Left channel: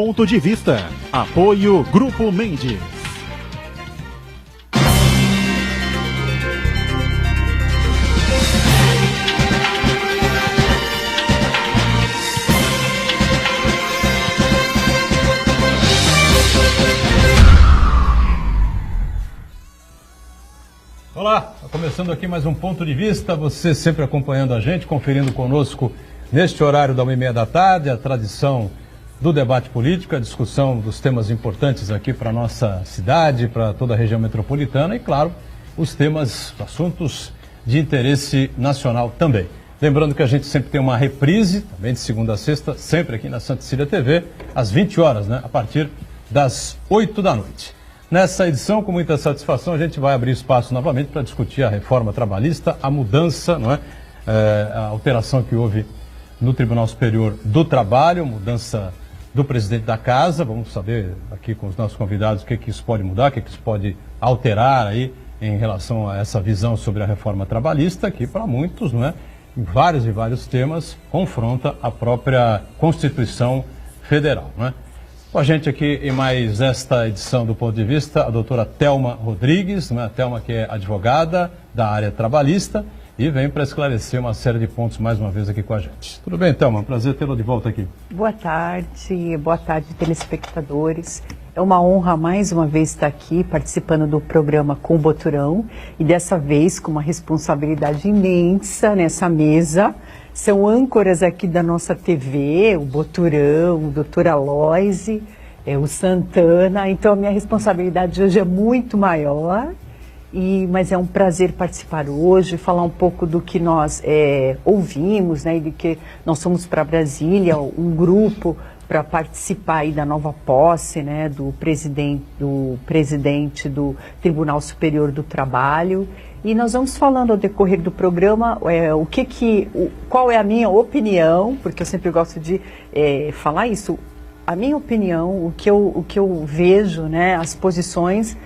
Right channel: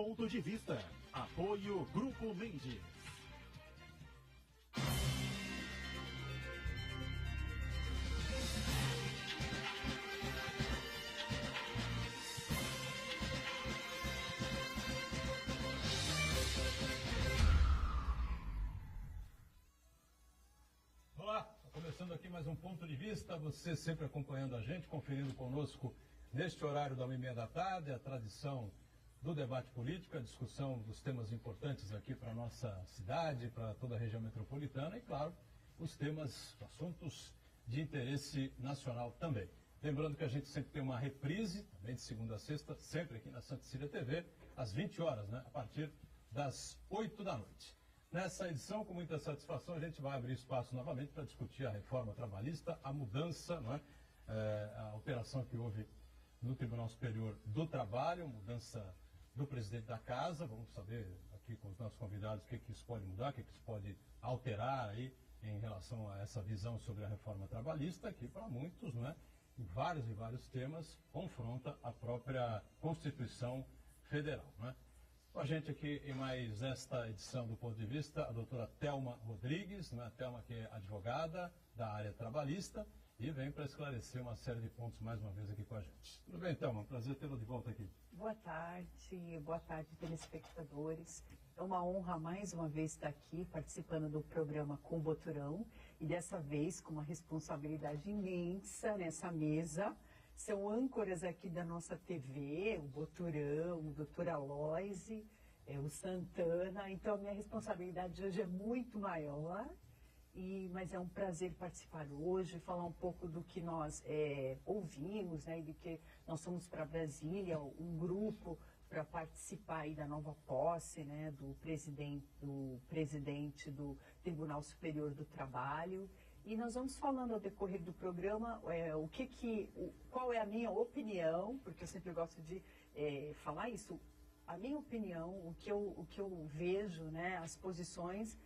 Ponto de Vista. Apoio Grupo Mendes. Olá, começando aqui mais um Ponto de Vista, você sempre acompanhando a gente, conferindo conosco neste horário da 1h30 da tarde, a tradição do debate político, a discussão dos temas importantes aqui para a nossa cidade, para toda a região metropolitana e, claro, os temas, assuntos de interesse nacional também. Lembrando que a gente sempre tem uma reprise, também de segunda a sexta, sempre aqui na Santa Cecília TV, às 20 horas, né, a partir das 8 da noite. Nessa edição, com muita satisfação, a gente vai abrir espaço novamente para discutir a reforma trabalhista, a mudança, não é? A alteração que houve no Tribunal Superior do Trabalho, mudança do presidente da Casa. Vamos saber aqui com os nossos convidados o que isso pode mudar, o que isso pode alterar aí em relação a essa visão sobre a reforma trabalhista, que para muitos, não é? Em vários e vários temas, confronta a própria Constituição Federal, não é? Com a gente aqui em mais esta edição do Ponto de Vista, a doutora Thelma Rodrigues, né? A Thelma que é advogada da área trabalhista e vem para esclarecer uma série de pontos mais uma vez aqui com a gente. Tudo bem, Thelma? Prazer tê-la de volta aqui. Boa tarde, telespectadores. É uma honra mais uma vez estar aqui participando do programa com o Boturão e dessa vez com uma responsabilidade imensa nessa mesa. São âncoras aqui da nossa TV, o Boturão, o doutor Aloise, o Santana. Então, a minha responsabilidade hoje é muito maior, mas é um prazer participar hoje, falar um pouco do que nós ouvimos, né, e de que nós fomos para Brasília, um grupo para participar aí da nova posse, né, do presidente do Tribunal Superior do Trabalho. E nós vamos falando ao decorrer do programa qual é a minha opinião, porque eu sempre gosto de falar isso, a minha opinião, o que eu vejo, né, as posições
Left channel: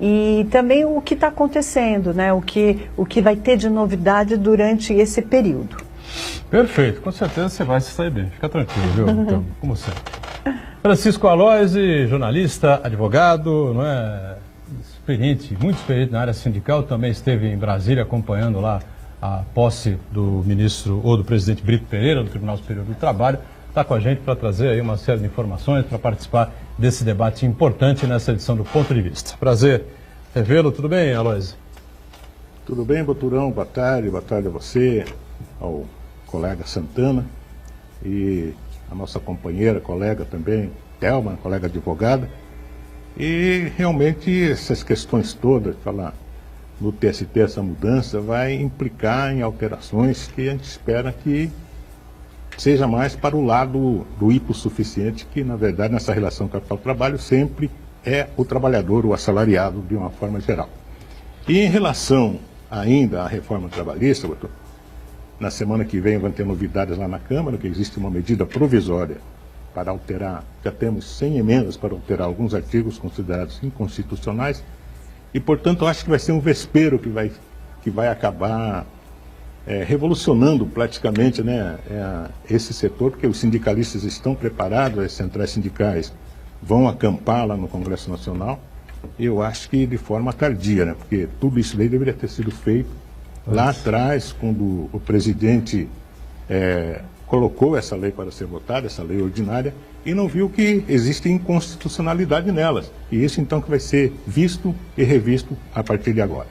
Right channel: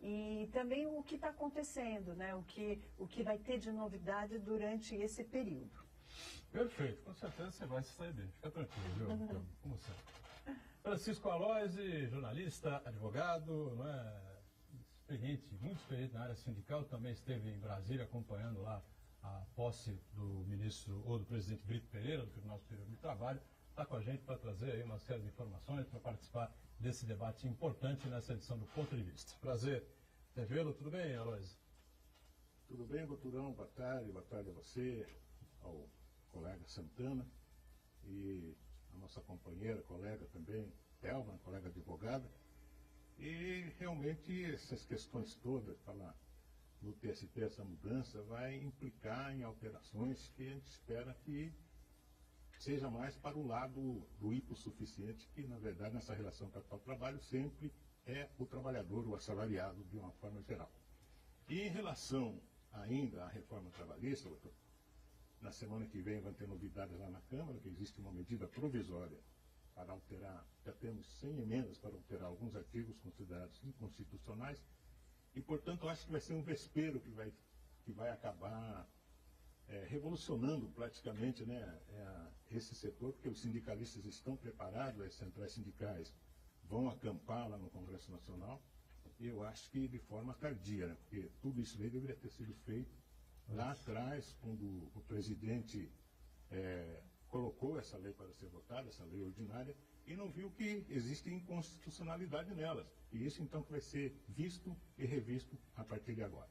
e também o que está acontecendo, né, o que vai ter de novidade durante esse período. Perfeito, com certeza você vai se sair bem, fica tranquilo, viu? Então, como sempre. Francisco Aloise, jornalista, advogado, não é? Muito experiente na área sindical, também esteve em Brasília acompanhando lá a posse do ministro ou do presidente Brito Pereira, do Tribunal Superior do Trabalho. Está com a gente para trazer aí uma série de informações, para participar desse debate importante nessa edição do Ponto de Vista. Prazer revê-lo, tudo bem, Aloise? Tudo bem, Boturão, boa tarde a você, ao colega Santana e a nossa companheira, colega também, Thelma, colega advogada. E realmente essas questões todas, falar no TST, essa mudança vai implicar em alterações que a gente espera que seja mais para o lado do hipossuficiente, que na verdade nessa relação capital-trabalho sempre é o trabalhador, o assalariado de uma forma geral. E em relação ainda à reforma trabalhista, doutor, na semana que vem vai ter novidades lá na Câmara, que existe uma medida provisória para alterar, já temos 100 emendas para alterar alguns artigos considerados inconstitucionais e, portanto, eu acho que vai ser um vespeiro que vai acabar revolucionando praticamente, né, esse setor, porque os sindicalistas estão preparados, as centrais sindicais vão acampar lá no Congresso Nacional, e eu acho que de forma tardia, né, porque tudo isso daí deveria ter sido feito lá atrás, quando o presidente colocou essa lei para ser votada, essa lei ordinária, e não viu que existe inconstitucionalidade nelas. E isso então que vai ser visto e revisto a partir de agora.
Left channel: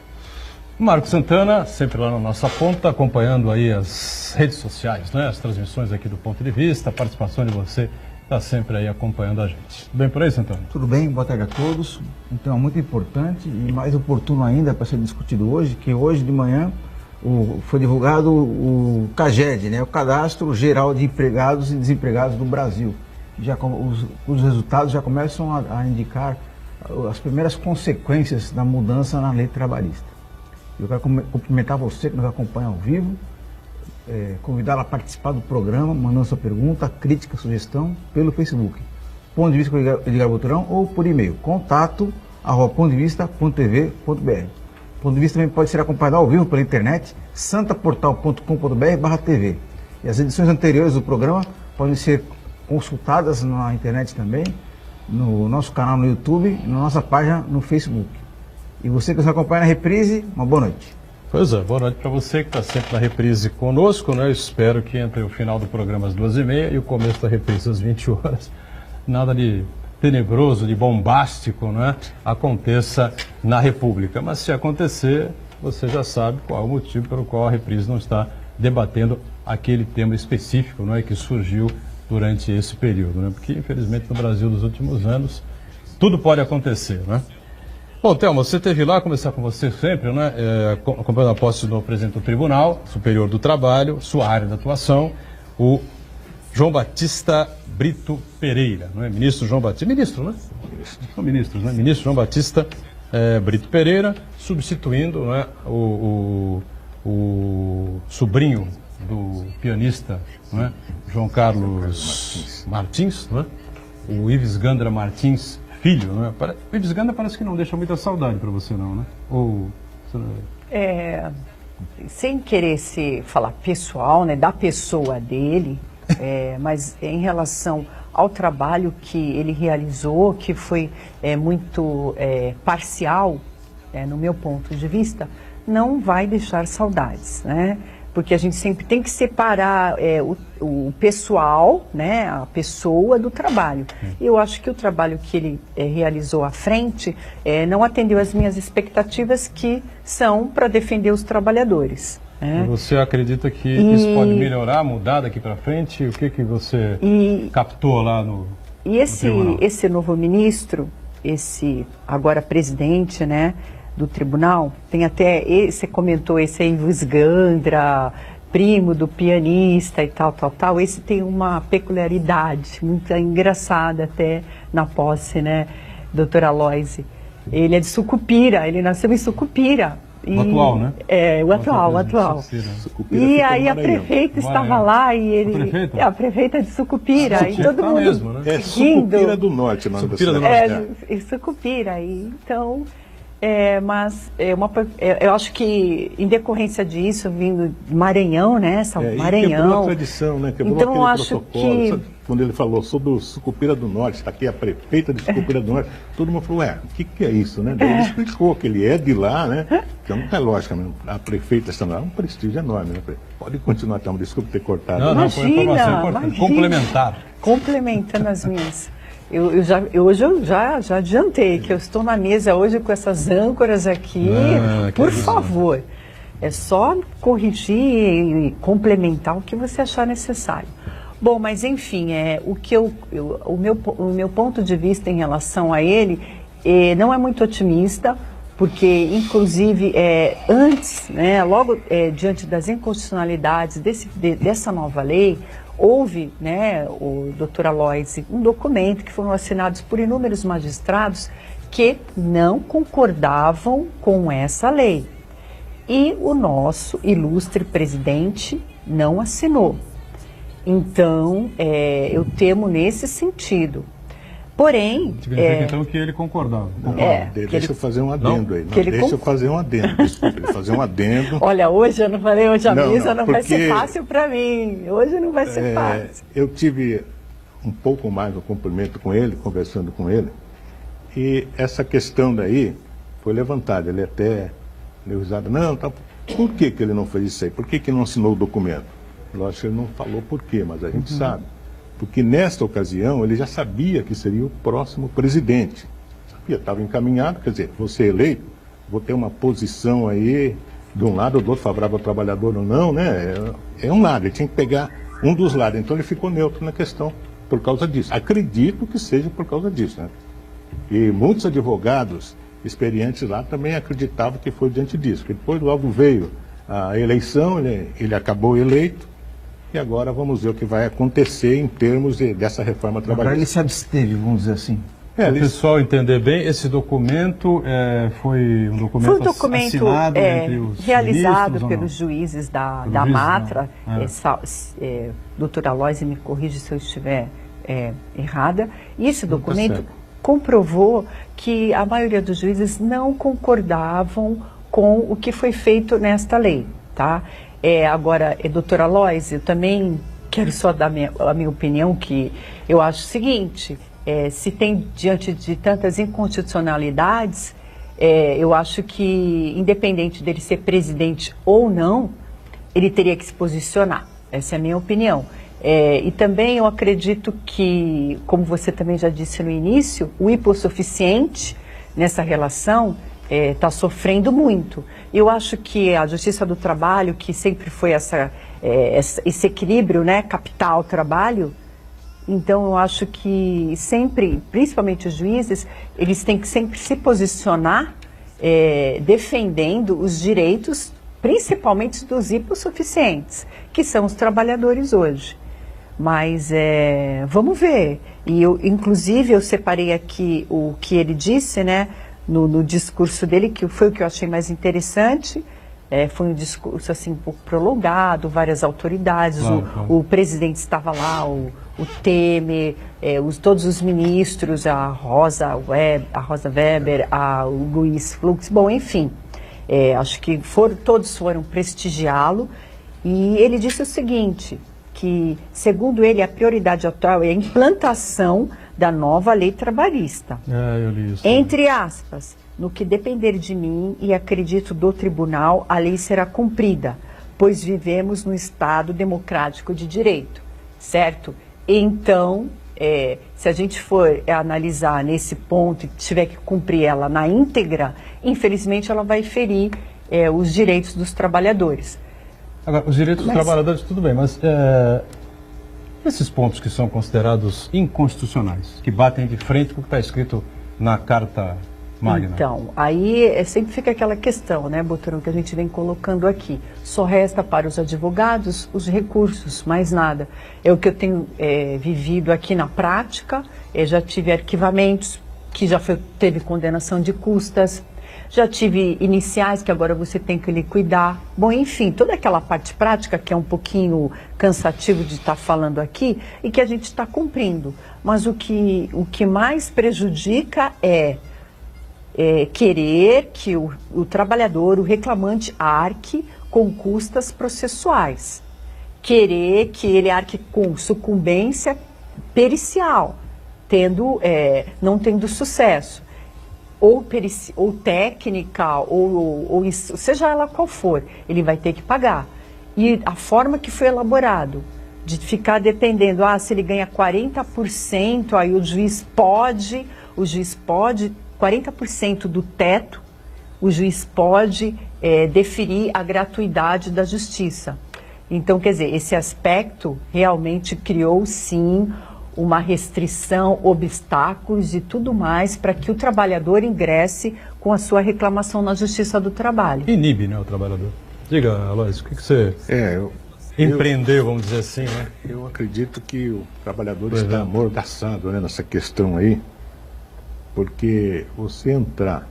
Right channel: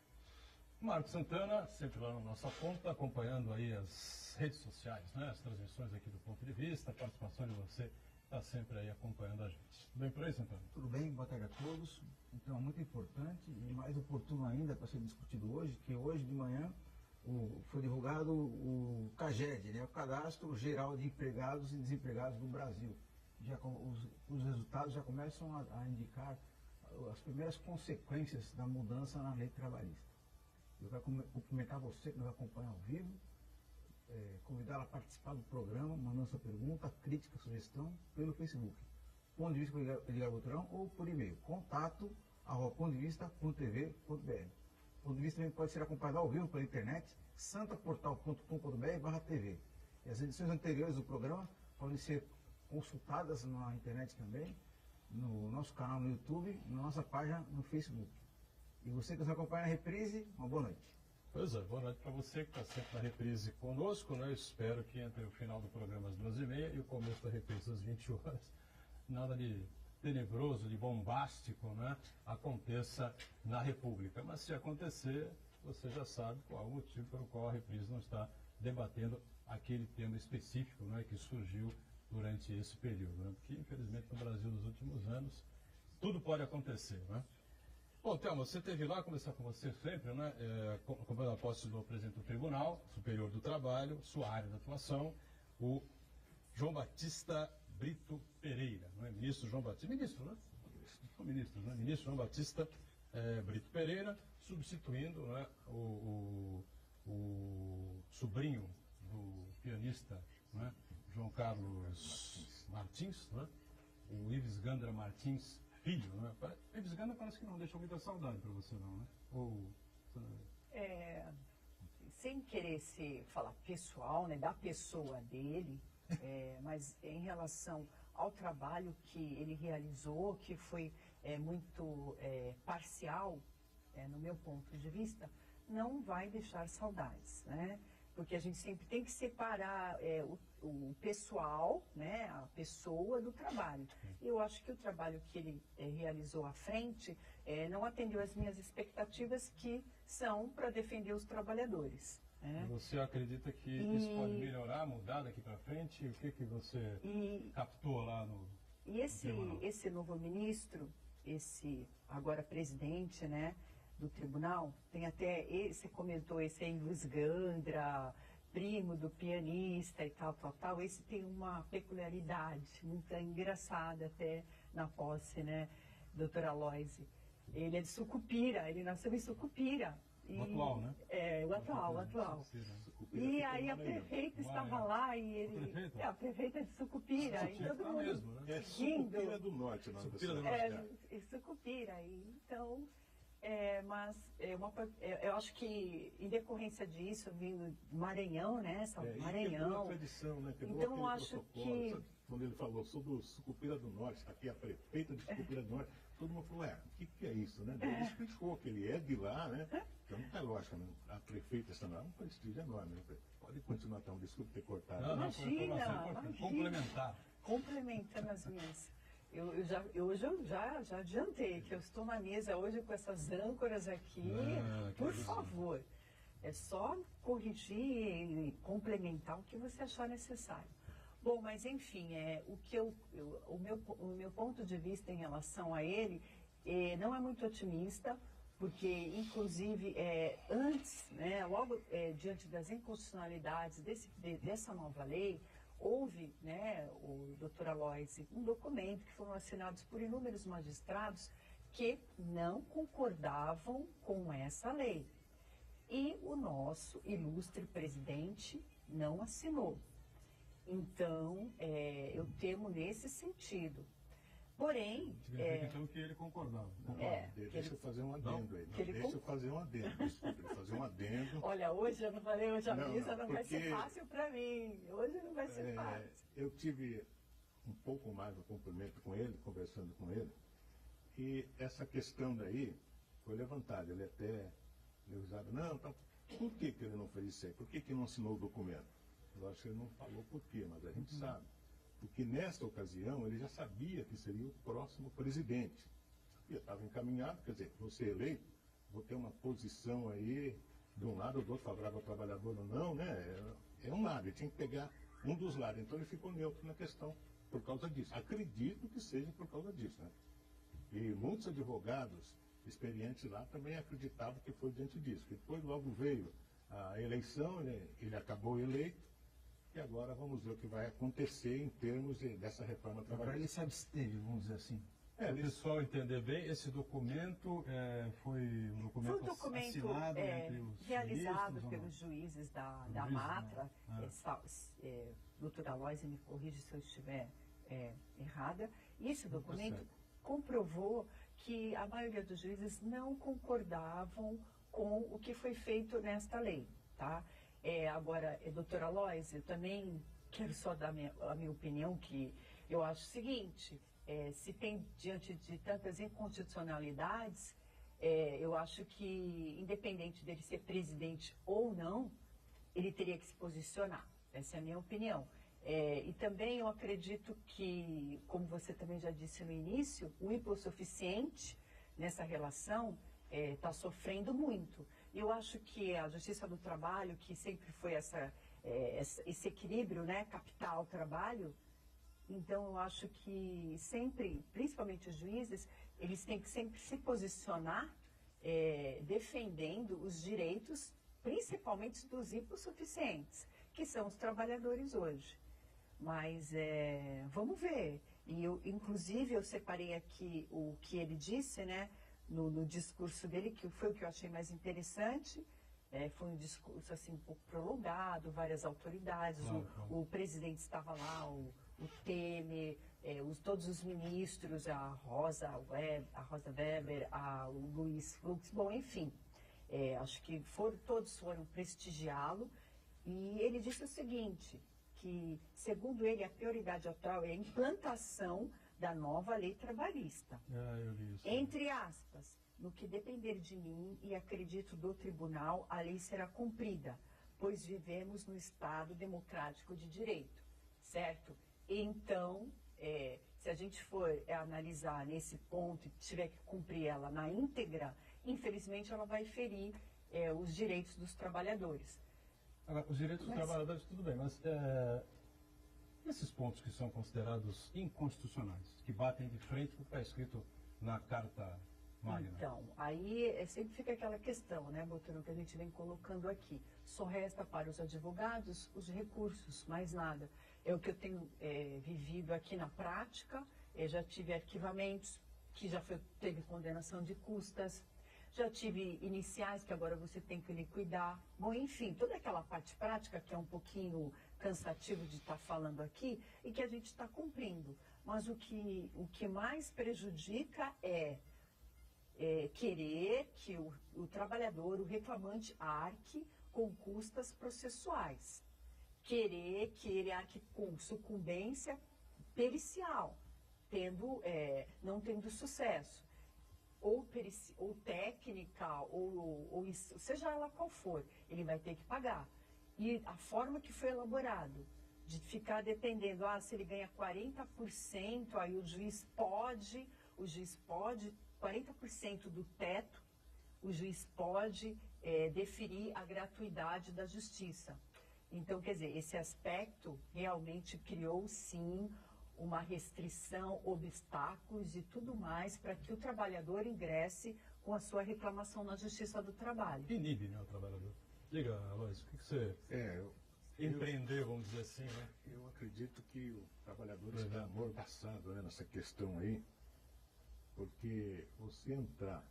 Marco Santana, sempre lá na nossa ponta, acompanhando aí as redes sociais, né? As transmissões aqui do Ponto de Vista, a participação de você está sempre aí acompanhando a gente. Tudo bem por aí, Santana? Tudo bem, boa tarde a todos. Então, é muito importante e mais oportuno ainda para ser discutido hoje, que hoje de manhã foi divulgado o CAGED, né, o Cadastro Geral de Empregados e Desempregados do Brasil. Os resultados já começam a indicar as primeiras consequências da mudança na lei trabalhista. Eu quero cumprimentar você que nos acompanha ao vivo, convidá-la a participar do programa, mandando sua pergunta, crítica, sugestão pelo Facebook, Ponto de Vista com Edgar Boturão, ou por e-mail, contato@pontodevista.tv.br. Ponto de Vista também pode ser acompanhado ao vivo pela internet, santaportal.com.br/TV. E as edições anteriores do programa podem ser consultadas na internet também, no nosso canal no YouTube e na nossa página no Facebook. E você que nos acompanha na reprise, uma boa noite. Pois é, boa noite para você que está sempre na reprise conosco, né? Eu espero que entre o final do programa às 2h30 e o começo da reprise às 20 horas, nada de tenebroso, de bombástico, né, aconteça na República. Mas se acontecer, você já sabe qual é o motivo pelo qual a reprise não está debatendo aquele tema específico, né, que surgiu durante esse período, né? Porque infelizmente no Brasil dos últimos anos tudo pode acontecer, né? Bom, Thelma, você esteve lá, começar com você sempre, né? Acompanhando a posse do presidente do Tribunal Superior do Trabalho, sua área de atuação, o João Batista Brito Pereira, não é? Ministro João Batista, ministro, né? São ministros, né? Ministro João Batista Brito Pereira, substituindo, né, o sobrinho do pianista, né, João Carlos Martins, né? O Ives Gandra Martins Filho, né? O Ives Gandra parece que não deixa muita saudade para você, não, né? Ou... sem querer se falar pessoal, né, da pessoa dele, mas em relação ao trabalho que ele realizou, que foi muito parcial, no meu ponto de vista, não vai deixar saudades, né? Porque a gente sempre tem que separar o pessoal, né, a pessoa do trabalho. E eu acho que o trabalho que ele realizou à frente não atendeu às minhas expectativas, que são para defender os trabalhadores. E você acredita que isso pode melhorar, mudar daqui para frente? O que você captou lá no tribunal? Esse novo ministro, esse agora presidente, né, do tribunal, tem até, você comentou, esse aí, Ives Gandra, primo do pianista e tal, esse tem uma peculiaridade muito engraçada até na posse, né, doutora Aloise. Ele é de Sucupira, ele nasceu em Sucupira. O atual, né? O atual. E aí a prefeita estava lá e ele... A prefeita de Sucupira. E todo mundo mesmo, né? Sucupira do Norte, mano. Sucupira do Norte. Sucupira. Então, mas eu acho que em decorrência disso, vindo de Maranhão, né? Maranhão. Quebrou a tradição, né? Quebrou então, aquele acho protocolo. que... Sabe, quando ele falou sobre o Sucupira do Norte, está aqui a prefeita de Sucupira do Norte, todo mundo falou, o que é isso, né? Daí ele explicou que ele é de lá, né? Então não é lógico, a prefeita está lá, é um prestígio enorme, né? Pode continuar, então, desculpe ter cortado. Não, foi informação importante. Complementar. Complementando as minhas. Hoje eu já adiantei que eu estou na mesa hoje com essas âncoras aqui. Por favor, é só corrigir e complementar o que você achar necessário. Bom, mas enfim, o meu ponto de vista em relação a ele não é muito otimista, porque inclusive antes, né, logo diante das inconstitucionalidades dessa nova lei, houve, né, o doutor Aloise, um documento que foram assinados por inúmeros magistrados que não concordavam com essa lei. E o nosso ilustre presidente não assinou. Então, eu temo nesse sentido. Porém... Significa então que ele concordava. Deixa eu fazer um adendo aí. Deixa eu fazer um adendo. Desculpe, fazer um adendo. Olha, hoje eu não falei, hoje a mesa não vai ser fácil para mim. Hoje não vai ser fácil. Eu tive um pouco mais de cumprimento com ele, conversando com ele, e essa questão daí foi levantada. Ele até deu risada. Não, por que ele não fez isso aí? Por que não assinou o documento? Lógico que ele não falou por quê, mas a gente sabe. Porque nesta ocasião ele já sabia que seria o próximo presidente. Sabia, estava encaminhado, quer dizer, vou ser eleito, vou ter uma posição aí de um lado ou do outro, favorável ao trabalhador ou não, né? É um lado, ele tinha que pegar um dos lados. Então ele ficou neutro na questão por causa disso. Acredito que seja por causa disso, né? E muitos advogados experientes lá também acreditavam que foi diante disso. Porque depois logo veio a eleição, ele acabou eleito. E agora vamos ver o que vai acontecer em termos dessa reforma trabalhista. Agora ele se absteve, vamos dizer assim. Para o pessoal entender bem, esse documento foi um documento assinado entre os realizado pelos juízes da Matra. Doutora Aloise, me corrige se eu estiver errada. E esse documento comprovou que a maioria dos juízes não concordavam com o que foi feito nesta lei, tá? Agora, doutora Aloise, eu também quero só dar a minha opinião, que eu acho o seguinte, se tem diante de tantas inconstitucionalidades, eu acho que, independente dele ser presidente ou não, ele teria que se posicionar. Essa é a minha opinião. E também eu acredito que, como você também já disse no início, o hipossuficiente nessa relação está sofrendo muito. Eu acho que a Justiça do Trabalho, que sempre foi esse equilíbrio, né, capital-trabalho, então eu acho que sempre, principalmente os juízes, eles têm que sempre se posicionar defendendo os direitos, principalmente dos hipossuficientes, que são os trabalhadores hoje. Mas vamos ver. E inclusive, eu separei aqui o que ele disse, né, no discurso dele, que foi o que eu achei mais interessante. Foi um discurso assim, um pouco prolongado, várias autoridades, o presidente estava lá, o Temer, todos os ministros, a Rosa Weber, o Luiz Fux, bom, enfim, acho que todos foram prestigiá-lo, e ele disse o seguinte, que, segundo ele, a prioridade atual é a implantação da nova lei trabalhista. Eu li isso. Entre aspas, no que depender de mim e acredito do tribunal, a lei será cumprida, pois vivemos no Estado democrático de direito, certo? Então, se a gente for analisar nesse ponto e tiver que cumprir ela na íntegra, infelizmente ela vai ferir os direitos dos trabalhadores. Agora, os direitos dos trabalhadores, tudo bem, mas esses pontos que são considerados inconstitucionais, que batem de frente com o que está escrito na Carta Magna. Então, aí sempre fica aquela questão, né, Boturão, que a gente vem colocando aqui. Só resta para os advogados os recursos, mais nada. É o que eu tenho vivido aqui na prática, já tive arquivamentos, que já teve condenação de custas, já tive iniciais que agora você tem que liquidar. Bom, enfim, toda aquela parte prática que é um pouquinho cansativo de estar falando aqui e que a gente está cumprindo. Mas o que mais prejudica é querer que o trabalhador, o reclamante, arque com custas processuais. Querer que ele arque com sucumbência pericial, não tendo sucesso. Ou técnica, ou seja ela qual for, ele vai ter que pagar. E a forma que foi elaborado, de ficar dependendo, se ele ganha 40%, aí o juiz pode, 40% do teto, o juiz pode deferir a gratuidade da justiça. Então, quer dizer, esse aspecto realmente criou, sim, uma restrição, obstáculos e tudo mais para que o trabalhador ingresse com a sua reclamação na Justiça do Trabalho. Inibe, né, o trabalhador. Diga, Aloysio, o que você empreendeu, vamos dizer assim, né? Eu acredito que o trabalhador está amordaçado, né, nessa questão aí, porque você entrar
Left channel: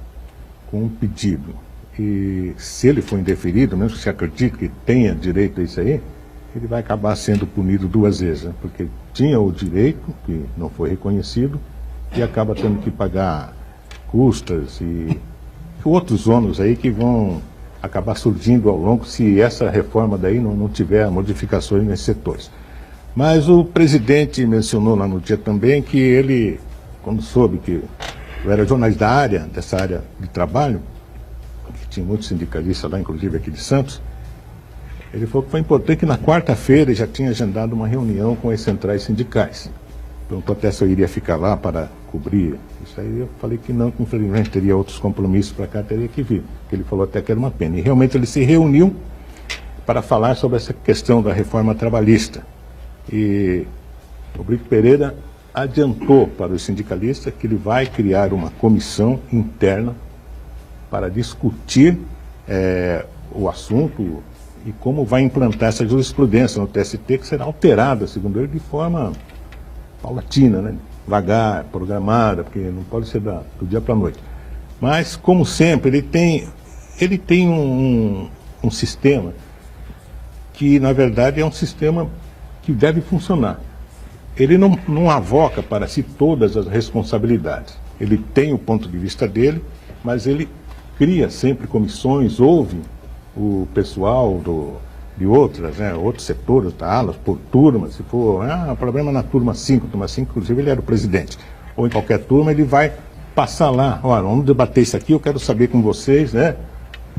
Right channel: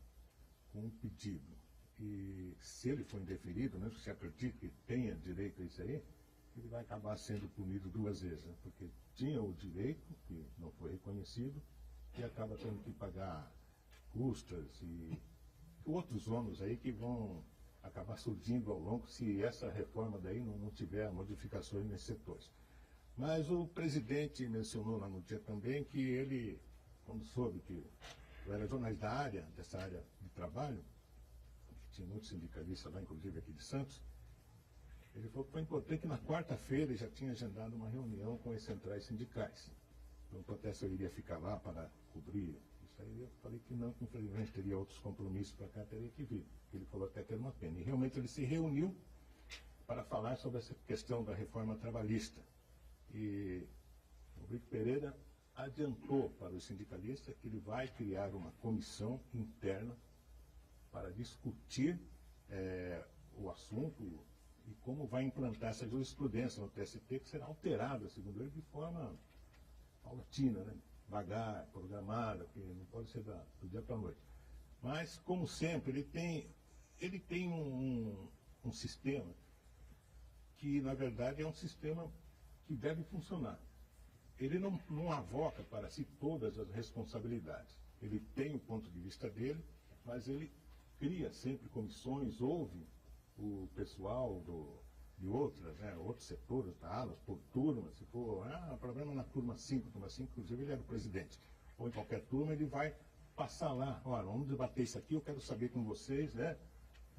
com um pedido e se ele for indeferido, mesmo que você acredite que tenha direito a isso aí, ele vai acabar sendo punido duas vezes, né? Porque tinha o direito, que não foi reconhecido, e acaba tendo que pagar custas e outros ônus aí que vão acabar surgindo ao longo, se essa reforma daí não tiver modificações nesses setores. Mas o presidente mencionou lá no dia também que ele, quando soube que eu era jornalista dessa área de trabalho, que tinha muitos sindicalistas lá, inclusive aqui de Santos, ele falou que foi importante que na quarta-feira já tinha agendado uma reunião com as centrais sindicais. Perguntou até se eu iria ficar lá para cobrir isso aí. Eu falei que não, que infelizmente teria outros compromissos para cá, teria que vir. Porque ele falou até que era uma pena. E realmente ele se reuniu para falar sobre essa questão da reforma trabalhista. E o Brito Pereira adiantou para os sindicalistas que ele vai criar uma comissão interna para discutir o assunto e como vai implantar essa jurisprudência no TST, que será alterada, segundo ele, de forma paulatina, né? Devagar, programada, porque não pode ser do dia para a noite. Mas, como sempre, ele tem um sistema que, na verdade, é um sistema que deve funcionar. Ele não avoca para si todas as responsabilidades. Ele tem o ponto de vista dele, mas ele cria sempre comissões, ouve o pessoal de outras, né, outros setores, alas por turma, se for, problema na turma 5, inclusive ele era o presidente, ou em qualquer turma, ele vai passar lá, olha, vamos debater isso aqui, eu quero saber com vocês, né,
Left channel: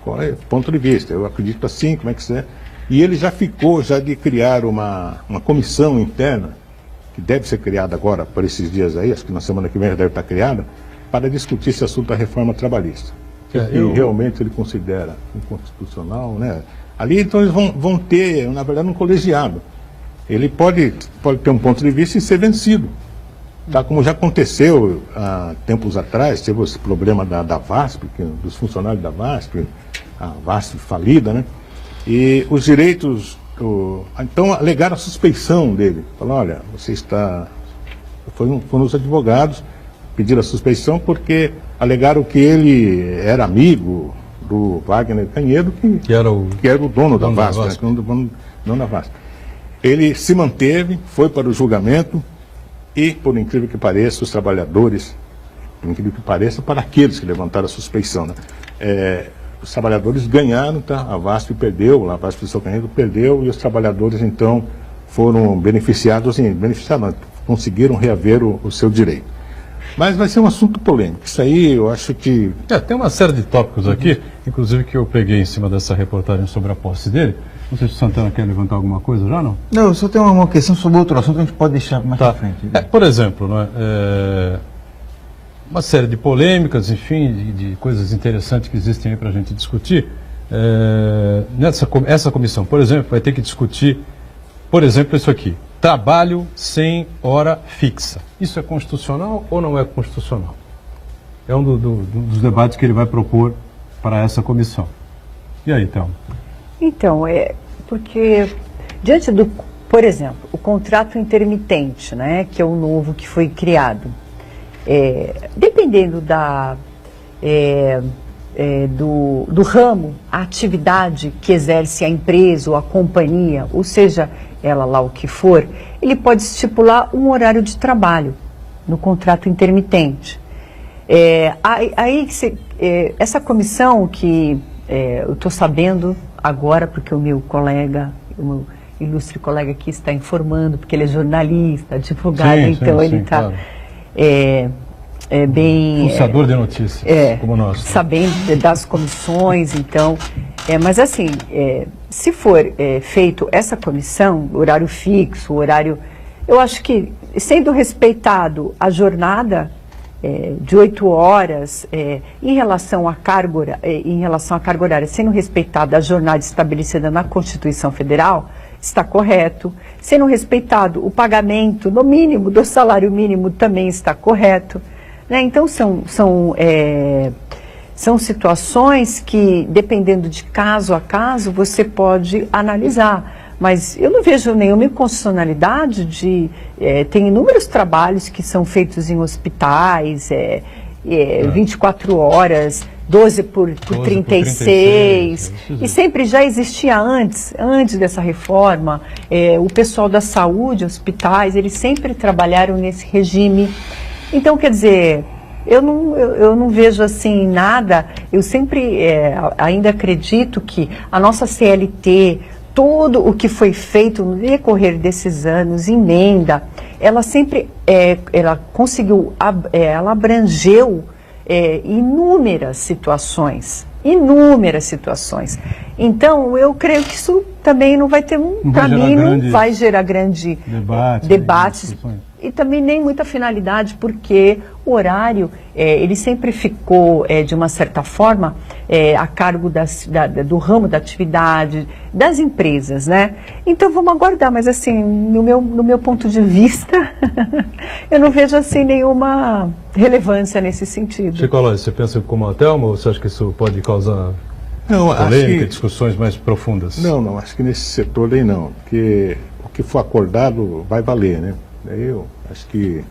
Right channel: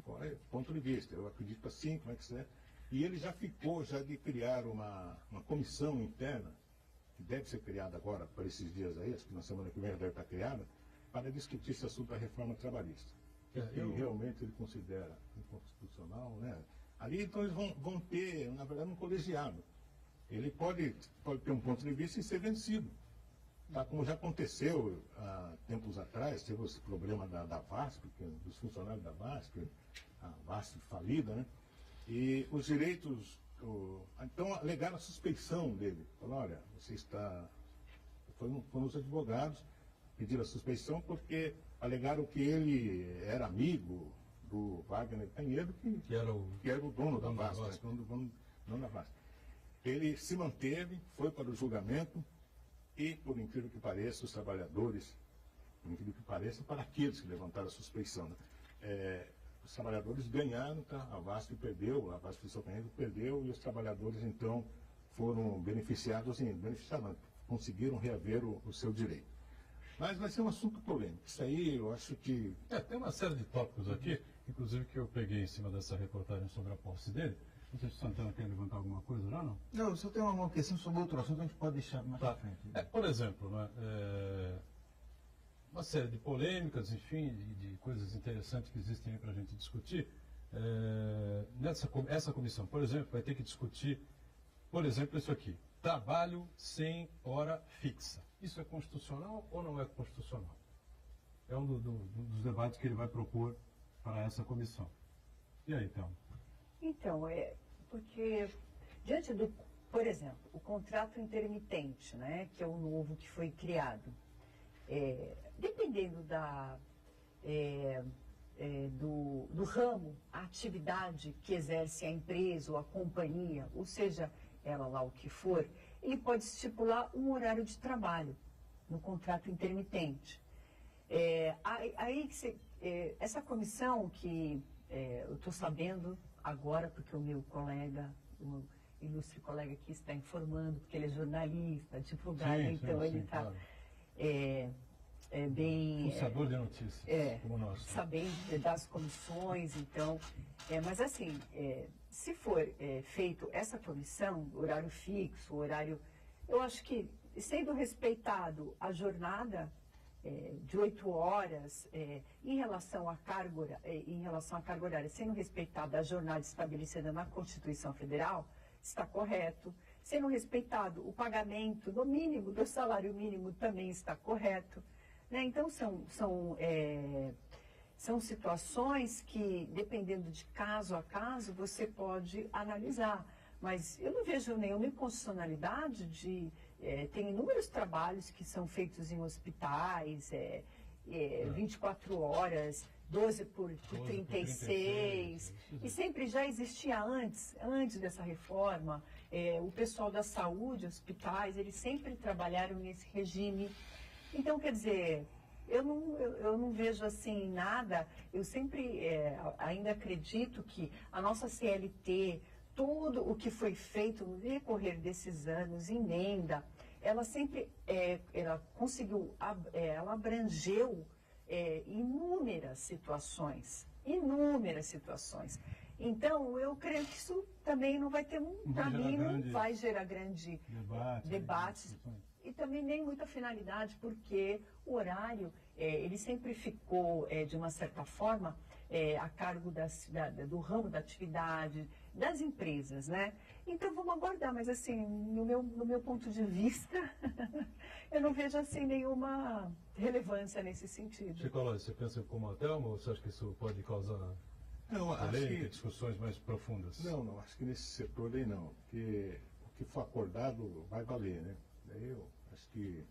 qual é o ponto de vista, eu acredito assim, como é que é. E ele já ficou de criar uma comissão interna, que deve ser criada agora, por esses dias aí, acho que na semana que vem já deve estar criada, para discutir esse assunto da reforma trabalhista. Que realmente ele considera inconstitucional, né? Ali, então, eles vão ter, na verdade, um colegiado. Ele pode ter um ponto de vista e ser vencido. Tá? Como já aconteceu há tempos atrás, teve esse problema da VASP, dos funcionários da VASP, a VASP falida, né? E os direitos... Então, alegaram a suspeição dele. Falaram, olha, você está... Foram os advogados, pediram a suspeição porque alegaram que ele era amigo do Wagner Canhedo, que era o dono da VASP, né? Dono da VASP. Ele se manteve, foi para o julgamento e, por incrível que pareça, os trabalhadores, por incrível que pareça, para aqueles que levantaram a suspeição, né? Os trabalhadores ganharam, tá? A VASP perdeu, a VASP do seu Canhedo perdeu e os trabalhadores, então, foram beneficiados, conseguiram reaver o seu direito. Mas vai ser um assunto polêmico. Isso aí eu acho que... Tem uma série de tópicos aqui, inclusive que eu peguei em cima dessa reportagem sobre a posse dele. Não sei se o Santana quer levantar alguma coisa já, não? Não, eu só tenho uma questão sobre outro assunto que a gente pode deixar mais para frente. Por exemplo, uma série de polêmicas, enfim, de coisas interessantes que existem aí para a gente discutir. Essa comissão, por exemplo, vai ter que discutir, por exemplo, isso aqui. Trabalho sem hora fixa. Isso é constitucional ou não é constitucional? É um dos debates que ele vai propor para essa comissão. E aí, Thelma? Então, porque diante do, por exemplo, o contrato intermitente, né, que é o novo que foi criado, dependendo do ramo, a atividade que exerce a empresa ou a companhia, ou seja, ela lá o que for, ele pode estipular um horário de trabalho no contrato intermitente. Essa comissão que eu estou sabendo agora, porque o meu ilustre colega aqui está informando, porque ele é jornalista, advogado, então ele está claro. Bem... Pulsador de notícias, como nós. Sabendo das comissões, então... mas assim, se for feito essa comissão, horário fixo, horário... Eu acho que, sendo respeitado a jornada de 8 horas, em relação à carga horária, sendo respeitada a jornada estabelecida na Constituição Federal, está correto. Sendo respeitado o pagamento, no mínimo, do salário mínimo, também está correto. Né? Então, são situações que, dependendo de caso a caso, você pode analisar. Mas eu não vejo nenhuma inconstitucionalidade tem inúmeros trabalhos que são feitos em hospitais, 24 horas, 12 por 36, e sempre já existia antes dessa reforma, o pessoal da saúde, hospitais, eles sempre trabalharam nesse regime. Então, quer dizer, eu não vejo assim nada, eu sempre ainda acredito que a nossa CLT, tudo o que foi feito no decorrer desses anos, emenda, ela sempre, ela conseguiu, ela abrangeu inúmeras situações. Então, eu creio que isso também não vai ter não vai gerar grande debates. E também nem muita finalidade, porque o horário, ele sempre ficou, de uma certa forma, a cargo do ramo da atividade, das empresas, né? Então vamos aguardar, mas assim, no meu ponto de vista, eu não vejo assim nenhuma relevância nesse sentido. Chico Alonso, você pensa como a Thelma ou você acha que isso pode causar polêmica, discussões mais profundas? Não, acho que nesse setor aí não, porque o que for acordado vai valer, né? Eu acho que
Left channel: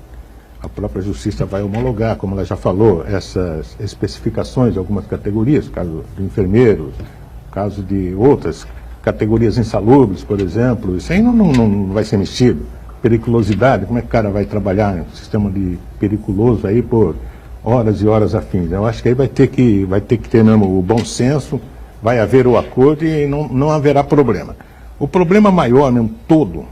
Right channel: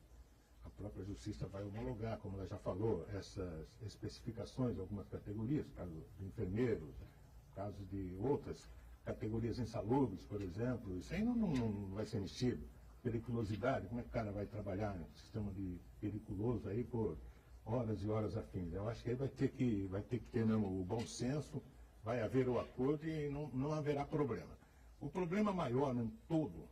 a própria Justiça vai homologar, como ela já falou, essas especificações de algumas categorias, caso de enfermeiros, caso de outras categorias insalubres, por exemplo. Isso aí não vai ser mexido. Periculosidade, como é que o cara vai trabalhar em um sistema de periculoso aí por horas e horas a fim? Eu acho que aí vai ter que ter mesmo o bom senso, vai haver o acordo e não haverá problema. O problema maior mesmo todo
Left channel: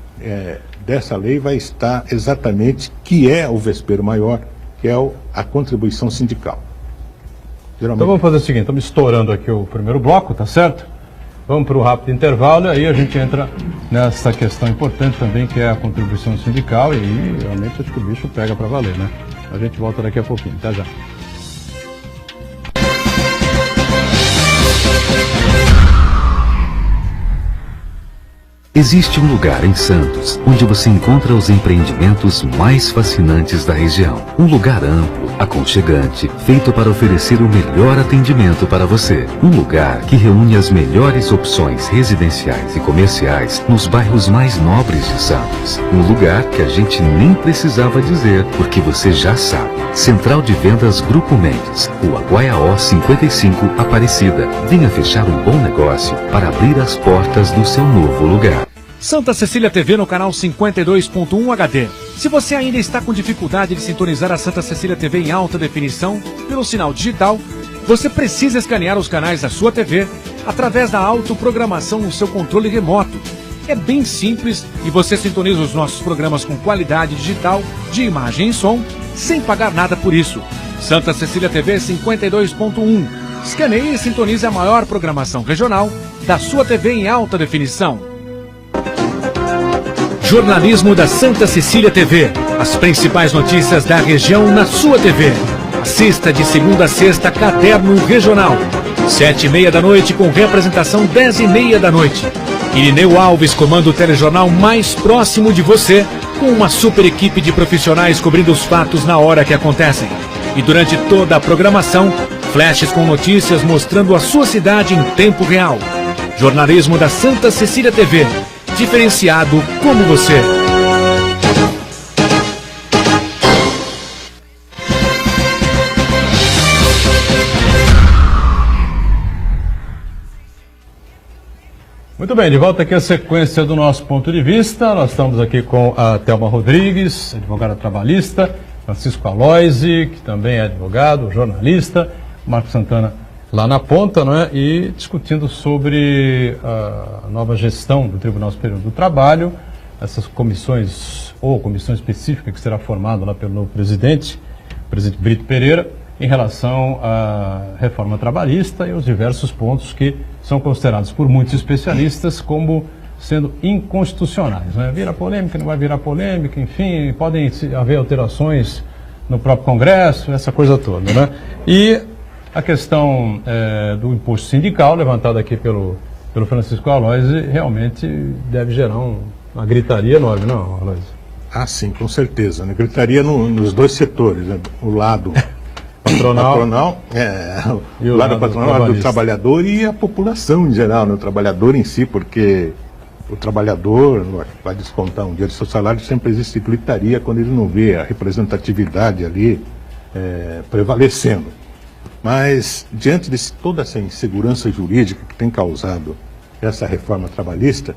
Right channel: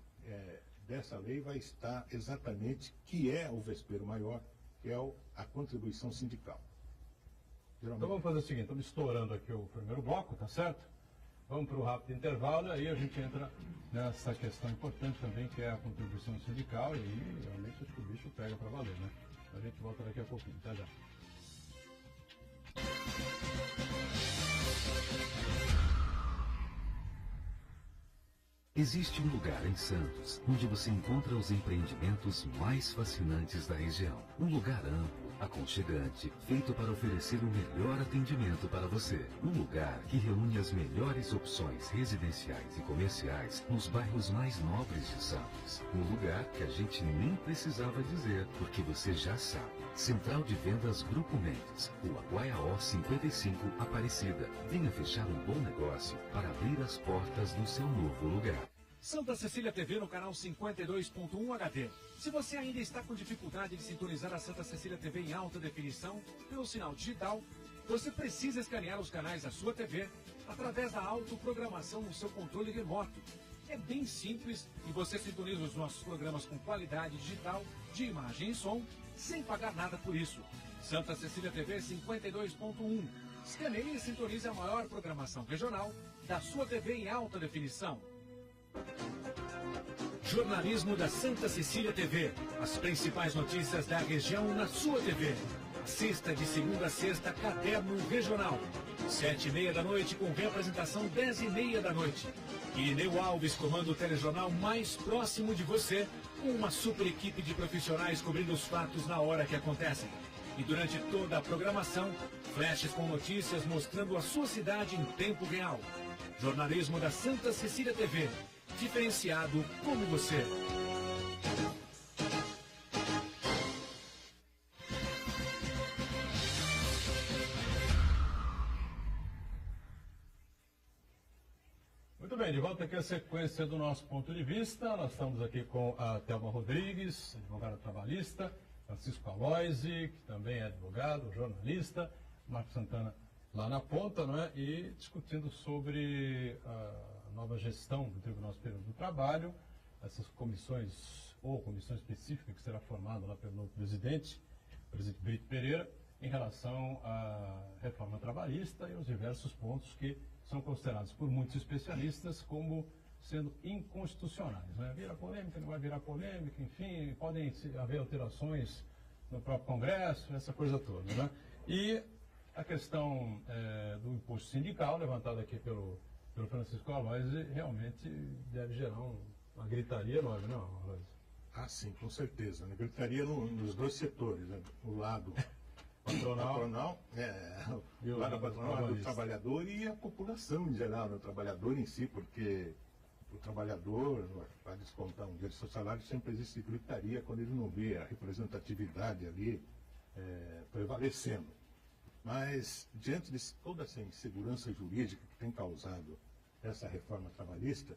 dessa lei vai estar exatamente que é o vespeiro maior, que é a contribuição sindical. Então vamos fazer o seguinte, estamos estourando aqui o primeiro bloco, tá certo? Vamos para um rápido intervalo e aí a gente entra nessa questão importante também, que é a contribuição sindical, e aí realmente acho que o bicho pega para valer, né? A gente volta daqui a pouquinho, até já. Existe um lugar em Santos onde você encontra os empreendimentos mais fascinantes da região. Um lugar amplo, aconchegante, feito para oferecer o melhor atendimento para você. Um lugar que reúne as melhores opções residenciais e comerciais nos bairros mais nobres de Santos. Um lugar que a gente nem precisava dizer, porque você já sabe. Central de Vendas Grupo Mendes, Rua Guaiaó 55, Aparecida. Venha fechar um bom negócio para abrir as portas do seu novo lugar. Santa Cecília TV no canal 52.1 HD. Se você ainda está com dificuldade de sintonizar a Santa Cecília TV em alta definição pelo sinal digital, você precisa escanear os canais da sua TV através da autoprogramação no seu controle remoto. É bem simples e você sintoniza os nossos programas com qualidade digital de imagem e som sem pagar nada por isso. Santa Cecília TV 52.1. Escaneie e sintonize a maior programação regional da sua TV em alta definição. Jornalismo da Santa Cecília TV. As principais notícias da região na sua TV. Assista de segunda a sexta Caderno Regional. 7h30 da noite com representação 10h30 da noite. Irineu Alves comanda o telejornal mais próximo de você, com uma super equipe de profissionais cobrindo os fatos na hora que acontecem. E durante toda a programação, flashes com notícias mostrando a sua cidade em tempo real. Jornalismo da Santa Cecília TV. Diferenciado como você. Muito bem, de volta aqui a sequência do nosso ponto de vista. Nós estamos aqui com a Thelma Rodrigues, advogada trabalhista, Francisco Aloisi, que também é advogado, jornalista, Marcos Santana lá na ponta, não é? E discutindo sobre a nova gestão do Tribunal Superior do Trabalho, essas comissões, ou comissão específica que será formada lá pelo novo presidente, o presidente Brito Pereira, em relação à reforma trabalhista e os diversos pontos que são considerados por muitos especialistas como sendo inconstitucionais, né? Vira polêmica, não vai virar polêmica, enfim, podem haver alterações no próprio Congresso, essa coisa toda, né? E a questão do imposto sindical, levantada aqui pelo Francisco Aloisi, realmente deve gerar uma gritaria enorme, não, Aloisi? Ah, sim, com certeza, né? Gritaria nos dois setores, né? O lado patronal, o lado patronal do trabalhador e a população em geral, né? O trabalhador em si, porque o trabalhador vai descontar um dia do seu salário, sempre existe gritaria quando ele não vê a representatividade ali prevalecendo. Mas, diante de toda essa insegurança jurídica que tem causado essa reforma trabalhista,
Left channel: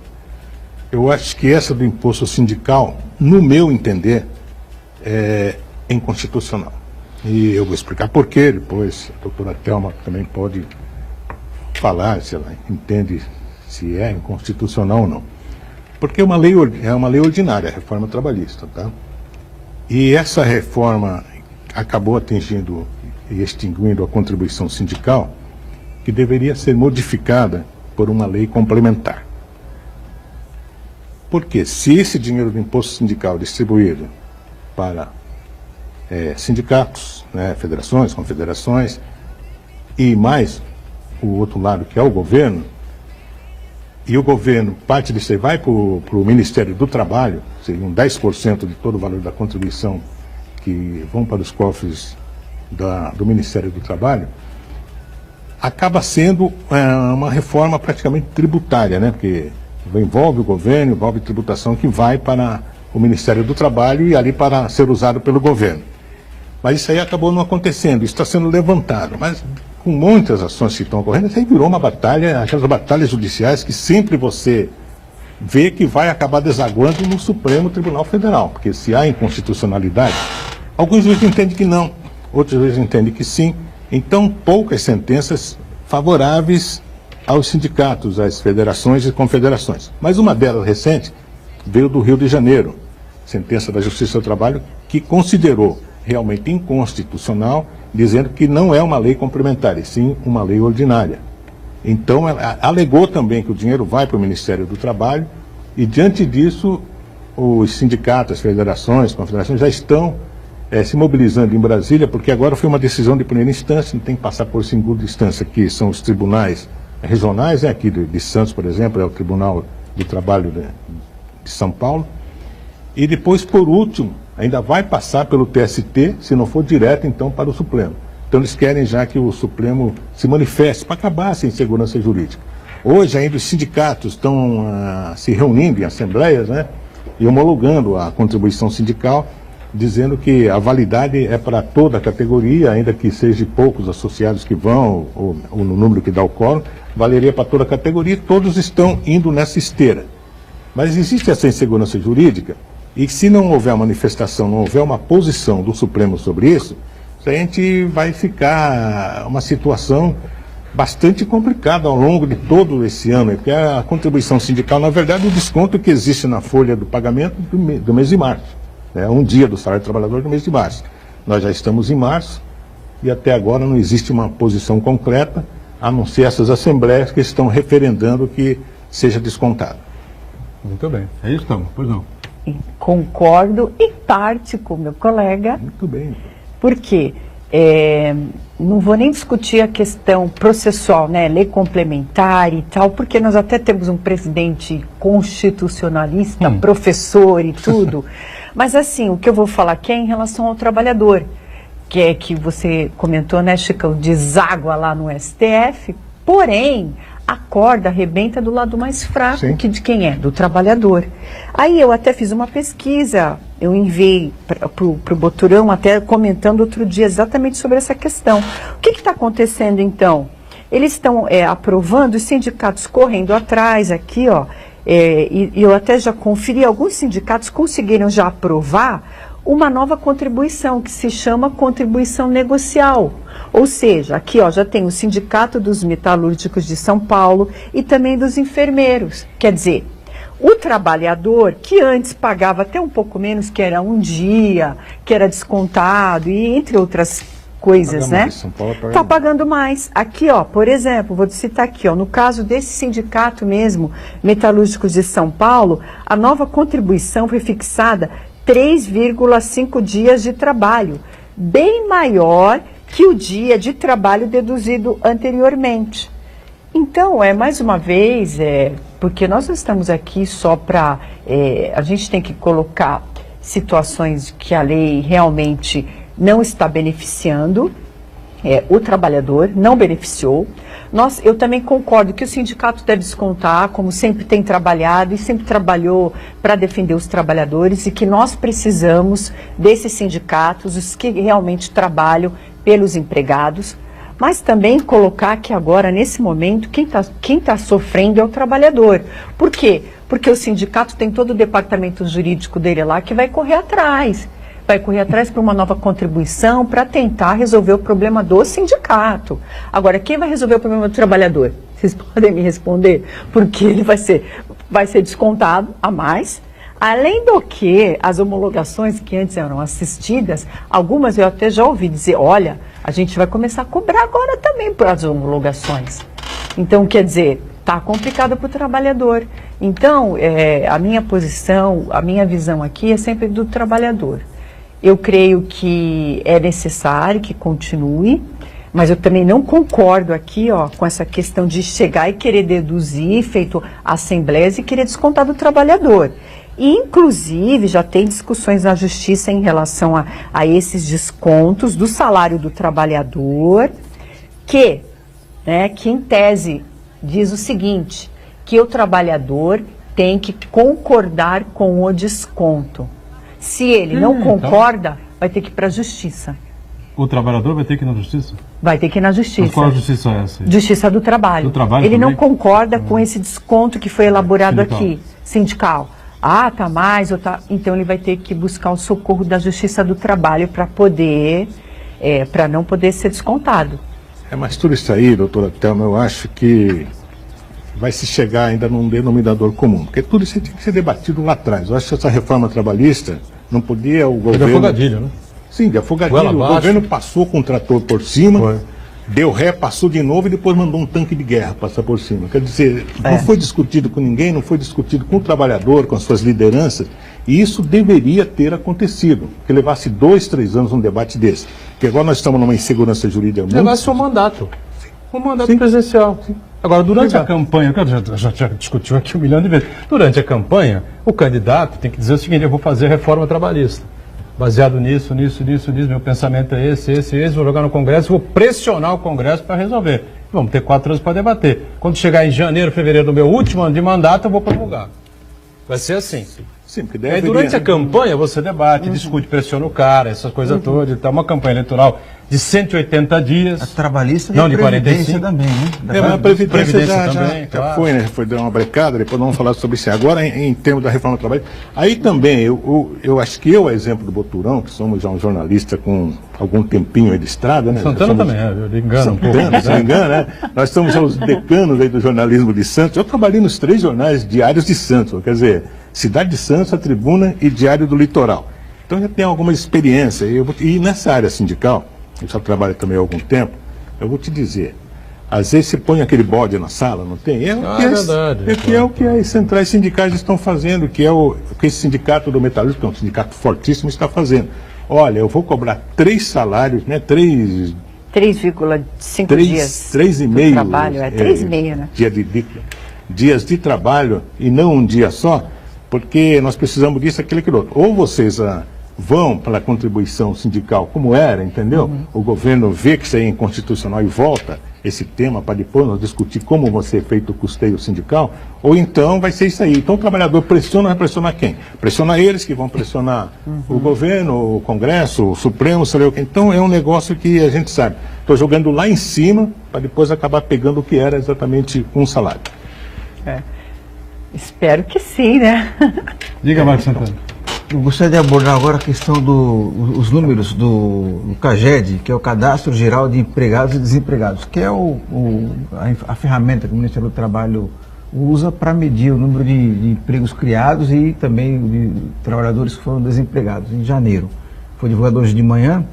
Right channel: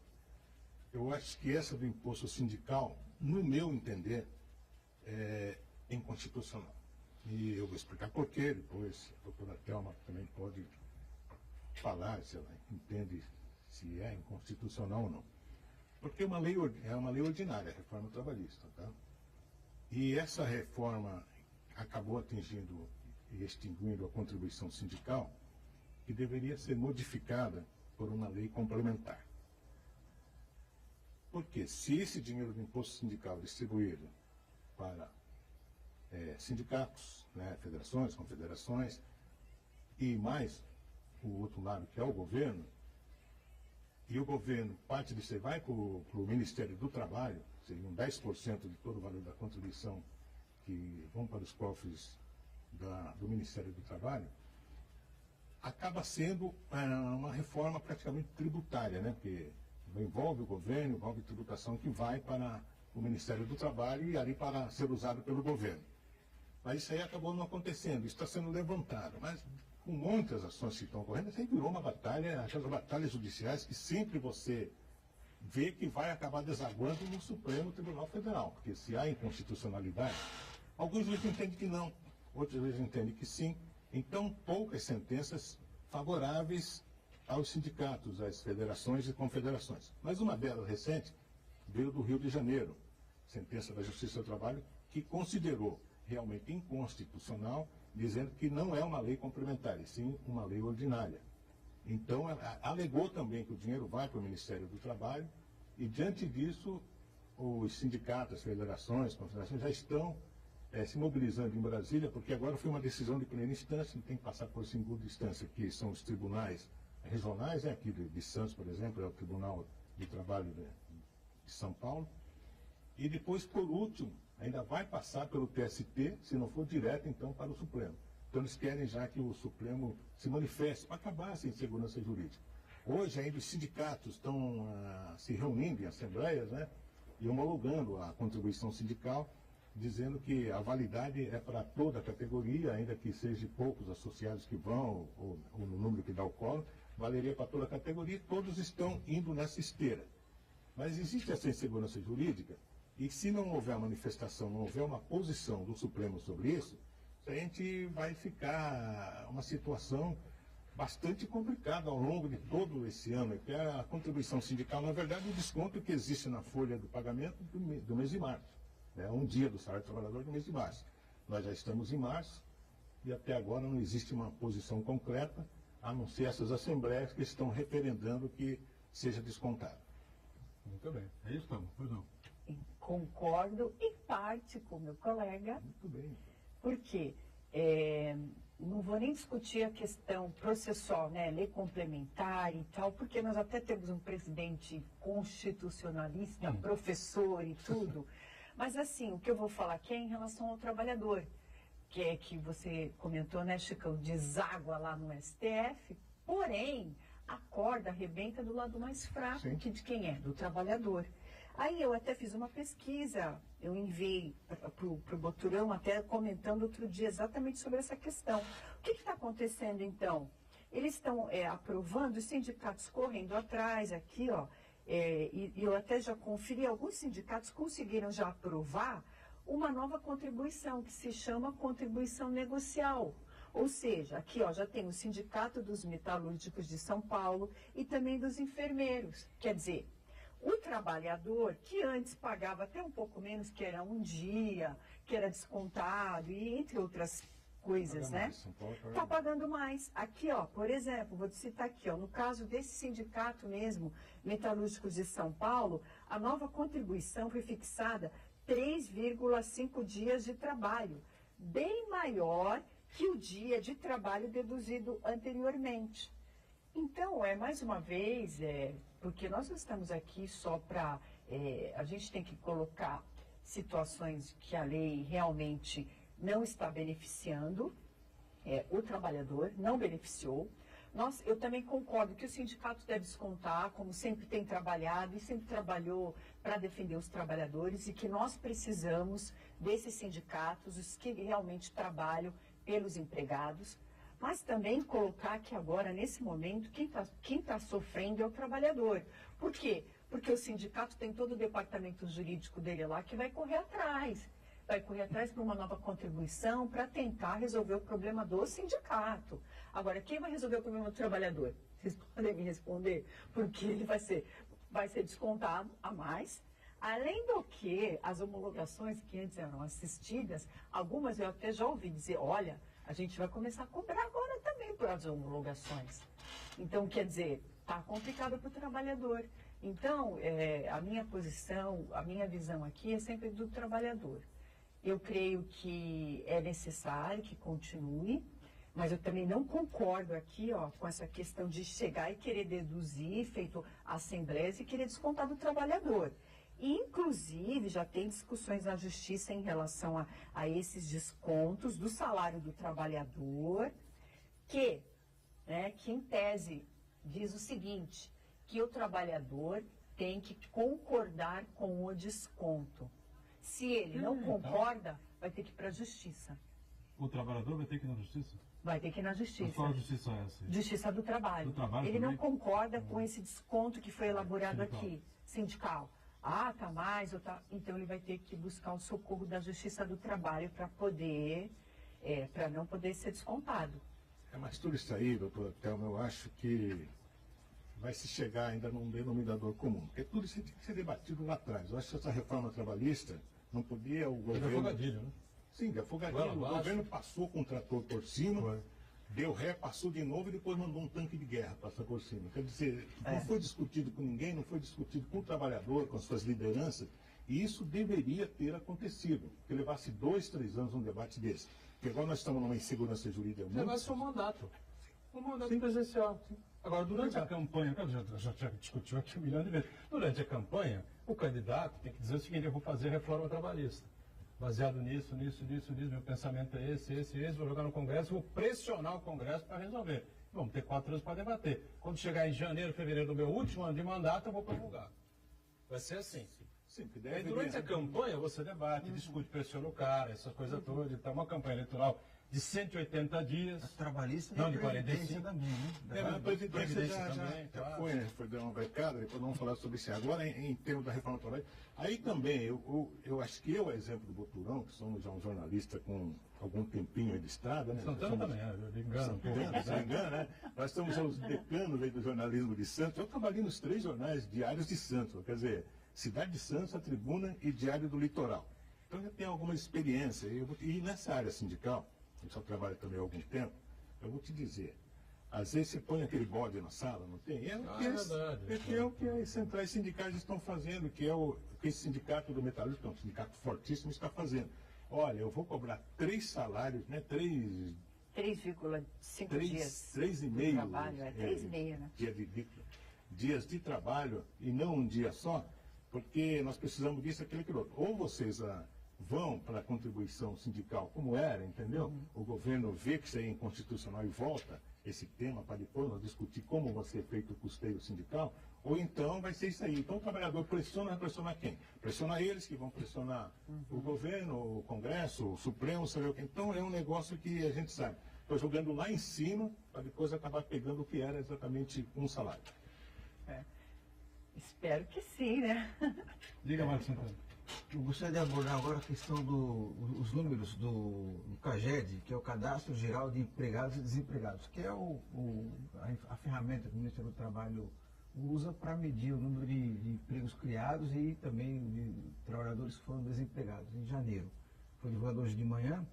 eu acho que essa do imposto sindical, no meu entender, é inconstitucional. E eu vou explicar por quê, depois a doutora Thelma também pode falar se ela entende se é inconstitucional ou não. Porque é uma lei ordinária, a reforma trabalhista, tá? E essa reforma acabou atingindo e extinguindo a contribuição sindical, que deveria ser modificada por uma lei complementar. Porque se esse dinheiro do imposto sindical distribuído para sindicatos, né, federações, confederações, e mais o outro lado que é o governo, e o governo, parte disso aí vai para o Ministério do Trabalho, seriam 10% de todo o valor da contribuição que vão para os cofres do Ministério do Trabalho, acaba sendo uma reforma praticamente tributária, né? Porque envolve o governo, envolve tributação que vai para o Ministério do Trabalho e ali para ser usado pelo governo. Mas isso aí acabou não acontecendo, isso está sendo levantado. Mas com muitas ações que estão ocorrendo, isso aí virou uma batalha, aquelas batalhas judiciais que sempre você vê que vai acabar desaguando no Supremo Tribunal Federal. Porque se há inconstitucionalidade, alguns juízes entendem que não, outros juízes entendem que sim. Então, poucas sentenças favoráveis aos sindicatos, às federações e confederações. Mas uma delas recente veio do Rio de Janeiro, sentença da Justiça do Trabalho, que considerou realmente inconstitucional, dizendo que não é uma lei complementar, e sim uma lei ordinária. Então, ela alegou também que o dinheiro vai para o Ministério do Trabalho, e diante disso, os sindicatos, as federações, as confederações já estão se mobilizando em Brasília, porque agora foi uma decisão de primeira instância, não tem que passar por segunda instância, que são os tribunais regionais, aqui de Santos, por exemplo, é o Tribunal do Trabalho de São Paulo, e depois, por último, ainda vai passar pelo TST, se não for direto, então, para o Supremo. Então, eles querem já que o Supremo se manifeste para acabar essa insegurança jurídica. Hoje, ainda os sindicatos estão se reunindo em assembleias, né, e homologando a contribuição sindical, dizendo que a validade é para toda a categoria, ainda que seja poucos associados que vão, ou no número que dá o quórum, valeria para toda a categoria, todos estão indo nessa esteira. Mas existe essa insegurança jurídica, e se não houver manifestação, não houver uma posição do Supremo sobre isso, a gente vai ficar uma situação bastante complicada ao longo de todo esse ano, porque a contribuição sindical, na verdade, o desconto que existe na folha do pagamento do mês de março. Um dia do salário do trabalhador do mês de março. Nós já estamos em março e até agora não existe uma posição concreta, a não ser essas assembleias que estão referendando que seja descontado. Muito bem. É isso, então? Pois não. Concordo em parte com o meu colega. Muito bem. Por quê? Não vou nem discutir a questão processual, né, lei complementar e tal, porque nós até temos um presidente constitucionalista, professor e tudo. Mas assim, o que eu vou falar aqui é em relação ao trabalhador, que é que você comentou, né, Chicão, deságua lá no STF, porém, a corda arrebenta do lado mais fraco, que de quem é? Do trabalhador. Aí eu até fiz uma pesquisa, eu enviei para o Boturão, até comentando outro dia exatamente sobre essa questão. O que está acontecendo então? Eles estão aprovando, os sindicatos correndo atrás aqui, ó, e eu até já conferi, alguns sindicatos conseguiram já aprovar uma nova contribuição, que se chama contribuição negocial. Ou seja, aqui ó, já tem o Sindicato dos Metalúrgicos de São Paulo e também dos enfermeiros. Quer dizer, o trabalhador que antes pagava até um pouco menos, que era um dia, que era descontado e entre outras coisas, né? Está pagando mais. Aqui, ó, por exemplo, vou citar aqui, ó, no caso desse sindicato mesmo, Metalúrgicos de São Paulo, a nova contribuição foi fixada 3,5 dias de trabalho, bem maior que o dia de trabalho deduzido anteriormente. Então, mais uma vez, porque nós não estamos aqui só para... a gente tem que colocar situações que a lei realmente não está beneficiando, o trabalhador não beneficiou. Eu também concordo que o sindicato deve descontar, como sempre tem trabalhado e sempre trabalhou para defender os trabalhadores, e que nós precisamos desses sindicatos, os que realmente trabalham pelos empregados, mas também colocar que agora, nesse momento, quem tá sofrendo é o trabalhador. Por quê? Porque o sindicato tem todo o departamento jurídico dele lá que vai correr atrás. Vai correr atrás para uma nova contribuição para tentar resolver o problema do sindicato. Agora, quem vai resolver o problema do trabalhador? Vocês podem me responder? Porque ele vai ser descontado a mais. Além do que, as homologações que antes eram assistidas, algumas eu até já ouvi dizer, olha, a gente vai começar a cobrar agora também por as homologações. Então, quer dizer, está complicado para o trabalhador. Então, a minha posição, a minha visão aqui é sempre do trabalhador. Eu creio que é necessário que continue, mas eu também não concordo aqui, ó, com essa questão de chegar e querer deduzir, feito assembleias, e querer descontar do trabalhador. E, inclusive, já tem discussões na Justiça em relação a esses descontos do salário do trabalhador, que em tese diz o seguinte, que o trabalhador tem que concordar com o desconto. Se ele não concorda, vai ter que ir para a Justiça. O trabalhador vai ter que ir na Justiça? Vai ter que ir na Justiça. Mas qual Justiça é essa? Justiça do Trabalho. Do trabalho ele também? Não concorda com esse desconto que foi elaborado aqui, sindical. Ah, tá mais, ou tá... Então ele vai ter que buscar o socorro da Justiça do Trabalho para poder, para não poder ser descontado. Mas tudo isso aí, doutora Thelma, eu acho que vai se chegar ainda num denominador comum, porque tudo isso tinha que ser debatido lá atrás. Eu acho que essa reforma trabalhista não podia o governo... De afogadilho, né? Sim, de afogadilho. O governo passou com o trator por cima, deu ré, passou de novo e depois mandou um tanque de guerra passar por cima. Quer dizer, não foi discutido com ninguém, não foi discutido com o trabalhador, com as suas lideranças, e isso deveria ter acontecido, que levasse 2, 3 anos um debate desse. Porque agora nós estamos numa insegurança jurídica muito... Levasse um mandato. Um mandato presidencial. Sim. Agora, durante a campanha, que eu já discutiu aqui 1 milhão de vezes, durante a campanha, o candidato tem que dizer o seguinte: eu vou fazer reforma trabalhista. Baseado nisso, meu pensamento é esse, vou jogar no Congresso, vou pressionar o Congresso para resolver. Vamos ter 4 anos para debater. Quando chegar em janeiro, fevereiro do meu último ano de mandato, eu vou promulgar. Vai ser assim. Sim, porque aí durante a campanha você debate, discute, pressiona o cara, essas coisas todas. Então, uma campanha eleitoral de 180 dias. A trabalhista não de 45 também, né? A Previdência já claro. foi, né? Foi dar uma brecada, depois vamos falar sobre isso. Agora, em termos da reforma do trabalho, aí também, eu acho que eu, exemplo do Boturão, que somos já um jornalista com algum tempinho aí de estrada, né? Santana também, eu engano um pouco. Se não engano, né? Nós somos os decanos aí do jornalismo de Santos. Eu trabalhei nos 3 jornais diários de Santos, quer dizer, Cidade de Santos, a Tribuna e Diário do Litoral. Então já tenho alguma experiência. E nessa área sindical, eu já trabalho também há algum tempo, eu vou te dizer, às vezes você põe aquele bode na sala, não tem? É o que as centrais sindicais estão fazendo, que é o que esse sindicato do metalúrgico, que é um sindicato fortíssimo, está fazendo. Olha, eu vou cobrar 3 salários, né? 3,5 dias 3,5 de trabalho, 3,5, né? Dias de trabalho e não um dia só, porque nós precisamos disso, aquilo, aquilo outro. Ou vocês vão para a contribuição sindical como era, entendeu? O governo vê que isso é inconstitucional e volta esse tema para depois nós discutir como vai ser feito o custeio sindical, ou então vai ser isso aí. Então o trabalhador pressiona, vai pressionar quem? Pressiona eles, que vão pressionar o governo, o Congresso, o Supremo, sei lá o quê. Então é um negócio que a gente sabe. Estou jogando lá em cima para depois acabar pegando o que era exatamente um salário. Espero que sim, né? Diga, Marcos Santana. Eu gostaria de abordar agora a questão dos números do CAGED, que é o Cadastro Geral de Empregados e Desempregados, que é a ferramenta que o Ministério do Trabalho usa para medir o número de empregos criados e também de trabalhadores que foram desempregados em janeiro. Foi divulgado hoje de manhã.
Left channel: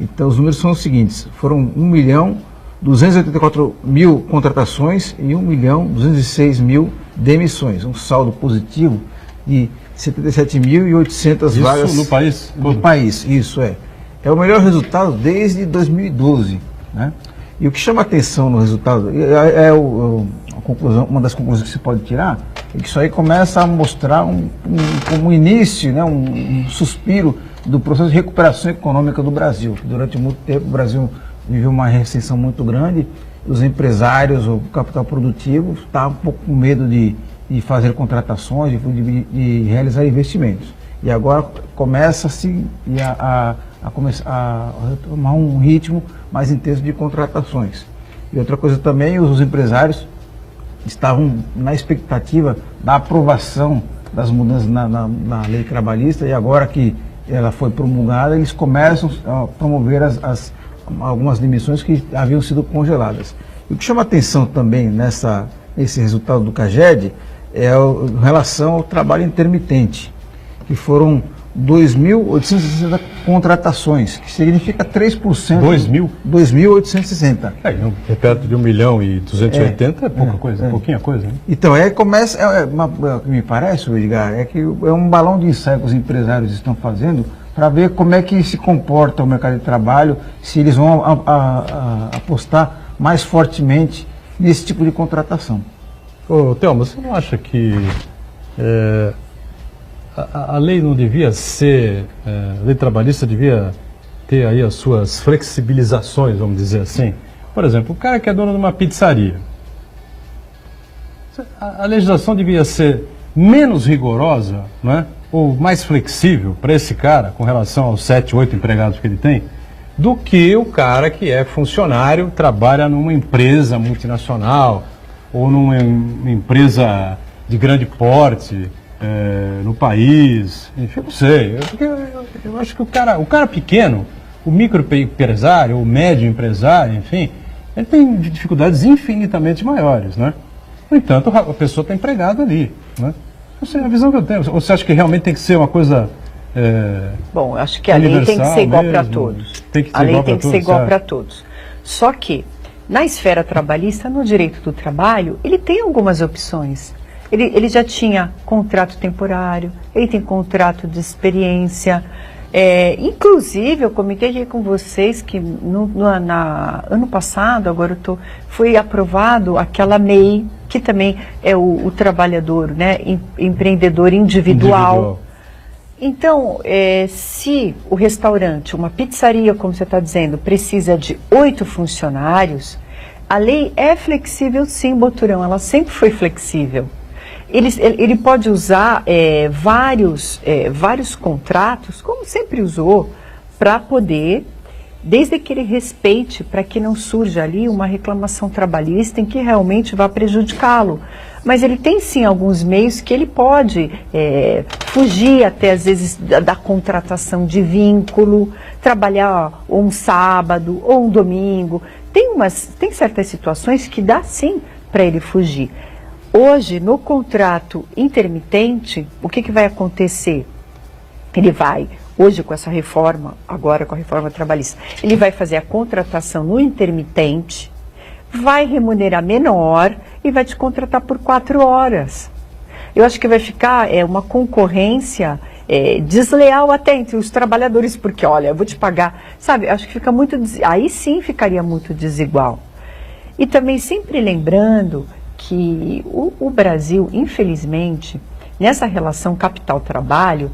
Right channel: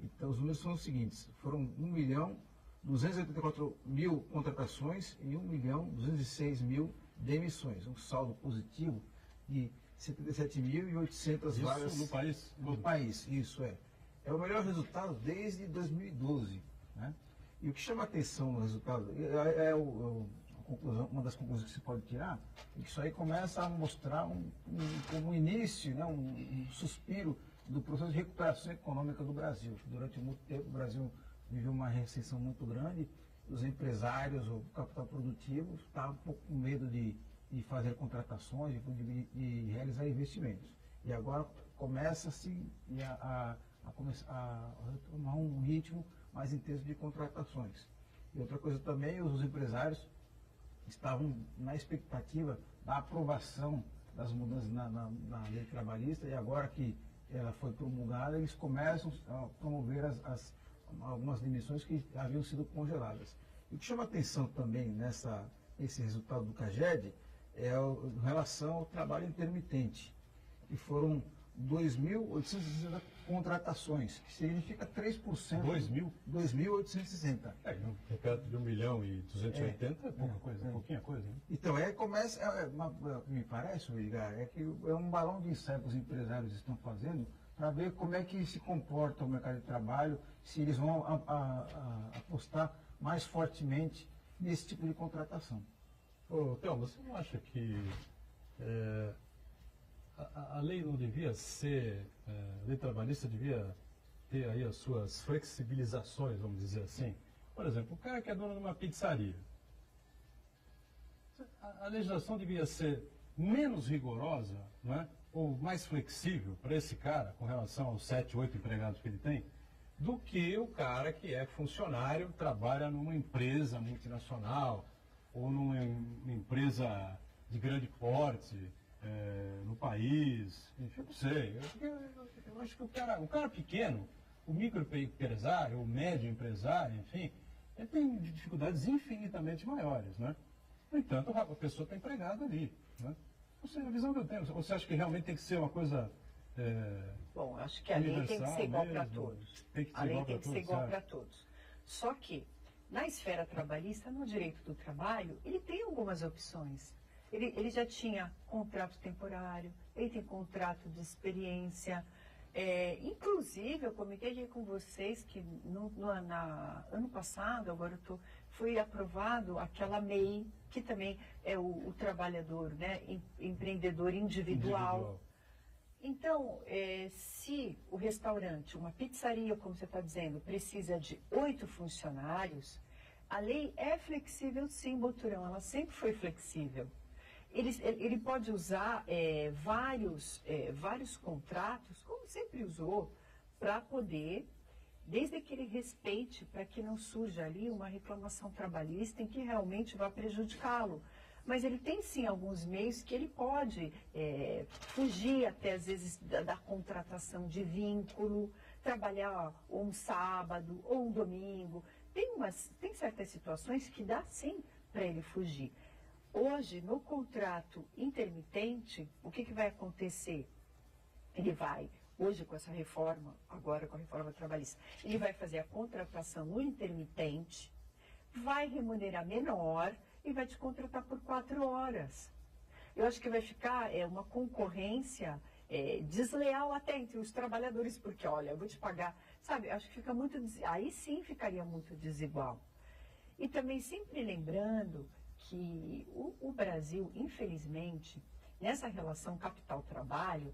Então os números são os seguintes: foram 1.284.000 contratações e 1.206.000 demissões, um saldo positivo de 77.800 vagas. Isso no país? No país, isso é. É o melhor resultado desde 2012, né? E o que chama atenção no resultado, uma das conclusões que se pode tirar, é que isso aí começa a mostrar como início, né, um suspiro do processo de recuperação econômica do Brasil. Durante muito tempo o Brasil viveu uma recessão muito grande, os empresários, o capital produtivo, estavam um pouco com medo de fazer contratações, de realizar investimentos. E agora começa-se a tomar um ritmo mais intenso de contratações. E outra coisa também, os empresários estavam na expectativa da aprovação das mudanças na lei trabalhista, e agora que ela foi promulgada, eles começam a promover algumas demissões que haviam sido congeladas. E o que chama atenção também nesse resultado do CAGED é em relação ao trabalho intermitente, que foram 2.860 contratações, que significa 3%. 2.860. Perto de 1.280.000 é pouca coisa, pouquinha coisa. Né? Então, o que me parece, Edgar, é que é um balão de ensaio que os empresários estão fazendo para ver como é que se comporta o mercado de trabalho, se eles vão apostar mais fortemente nesse tipo de contratação. Ô, Thelma, você não acha que a lei não devia ser, a lei trabalhista devia ter aí as suas flexibilizações, vamos dizer assim? Por exemplo, o cara que é dono de uma pizzaria, a legislação devia ser menos rigorosa, não é? Ou mais flexível para esse cara, com relação aos 7, 8 empregados que ele tem, do que o cara que é funcionário, trabalha numa empresa multinacional ou numa empresa de grande porte no país, enfim, não sei. Eu acho que o cara pequeno, o microempresário, o médio empresário, enfim, ele tem dificuldades infinitamente maiores, né? No entanto, a pessoa está empregada ali, né? Assim, a visão que eu tenho, você acha que realmente tem que ser uma coisa Bom, eu acho que a lei tem que ser igual para mesmo? todos. Tem que ser A lei igual tem pra que ser todos, igual certo? para todos. Só que, na esfera trabalhista, no direito do trabalho, ele tem algumas opções. Ele já tinha contrato temporário, ele tem contrato de experiência. Inclusive, eu comentei aqui com vocês que ano passado, foi aprovado aquela MEI, que também é o trabalhador, né, empreendedor individual. Então, se o restaurante, uma pizzaria, como você está dizendo, precisa de 8 funcionários, a lei é flexível sim, Boturão, ela sempre foi flexível. Ele pode usar vários contratos, como sempre usou, para poder, desde que ele respeite, para que não surja ali uma reclamação trabalhista em que realmente vá prejudicá-lo. Mas ele tem sim alguns meios que ele pode fugir até às vezes da contratação de vínculo, trabalhar ou um sábado ou um domingo. Tem certas situações que dá sim para ele fugir. Hoje, no contrato intermitente, o que vai acontecer? Ele vai, hoje com essa reforma, agora com a reforma trabalhista, ele vai fazer a contratação no intermitente, vai remunerar menor e vai te contratar por 4 horas. Eu acho que vai ficar uma concorrência desleal até entre os trabalhadores, porque, olha, eu vou te pagar, sabe, acho que fica aí sim ficaria muito desigual. E também sempre lembrando que o Brasil, infelizmente, nessa relação capital-trabalho,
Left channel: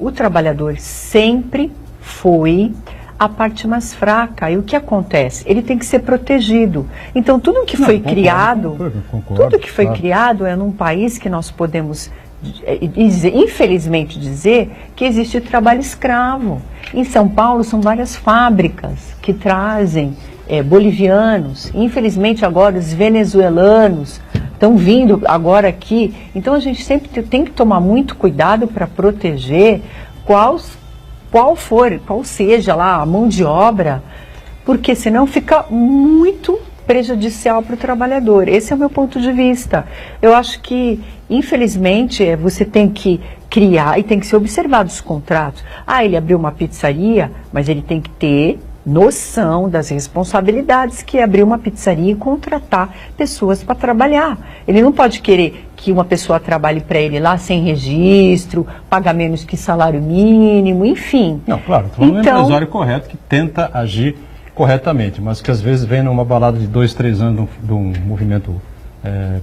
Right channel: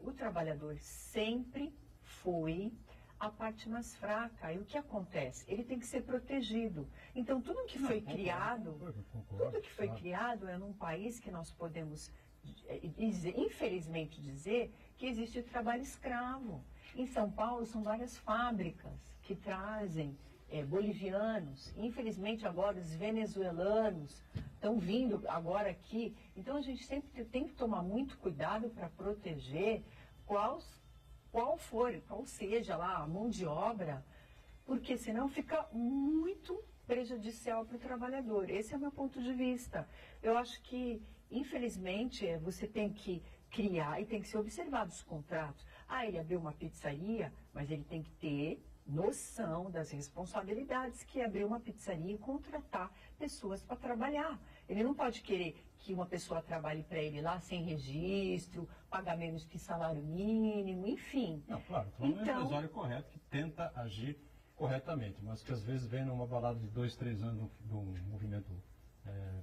o trabalhador sempre foi a parte mais fraca. E o que acontece? Ele tem que ser protegido. Então, tudo que foi criado, criado é num país que nós podemos, infelizmente, dizer que existe trabalho escravo. Em São Paulo, são várias fábricas que trazem bolivianos. Infelizmente, agora, os venezuelanos estão vindo agora aqui. Então, a gente sempre tem que tomar muito cuidado para proteger qual seja lá a mão de obra, porque senão fica muito prejudicial para o trabalhador. Esse é o meu ponto de vista. Eu acho que, infelizmente, você tem que criar e tem que ser observado os contratos. Ele abriu uma pizzaria, mas ele tem que ter noção das responsabilidades que é abrir uma pizzaria e contratar pessoas para trabalhar. Ele não pode querer que uma pessoa trabalhe para ele lá sem registro, pagar menos que salário mínimo, enfim. Não, claro, estou falando do empresário correto que tenta agir corretamente, mas que às vezes vem numa balada de 2, 3 anos de um movimento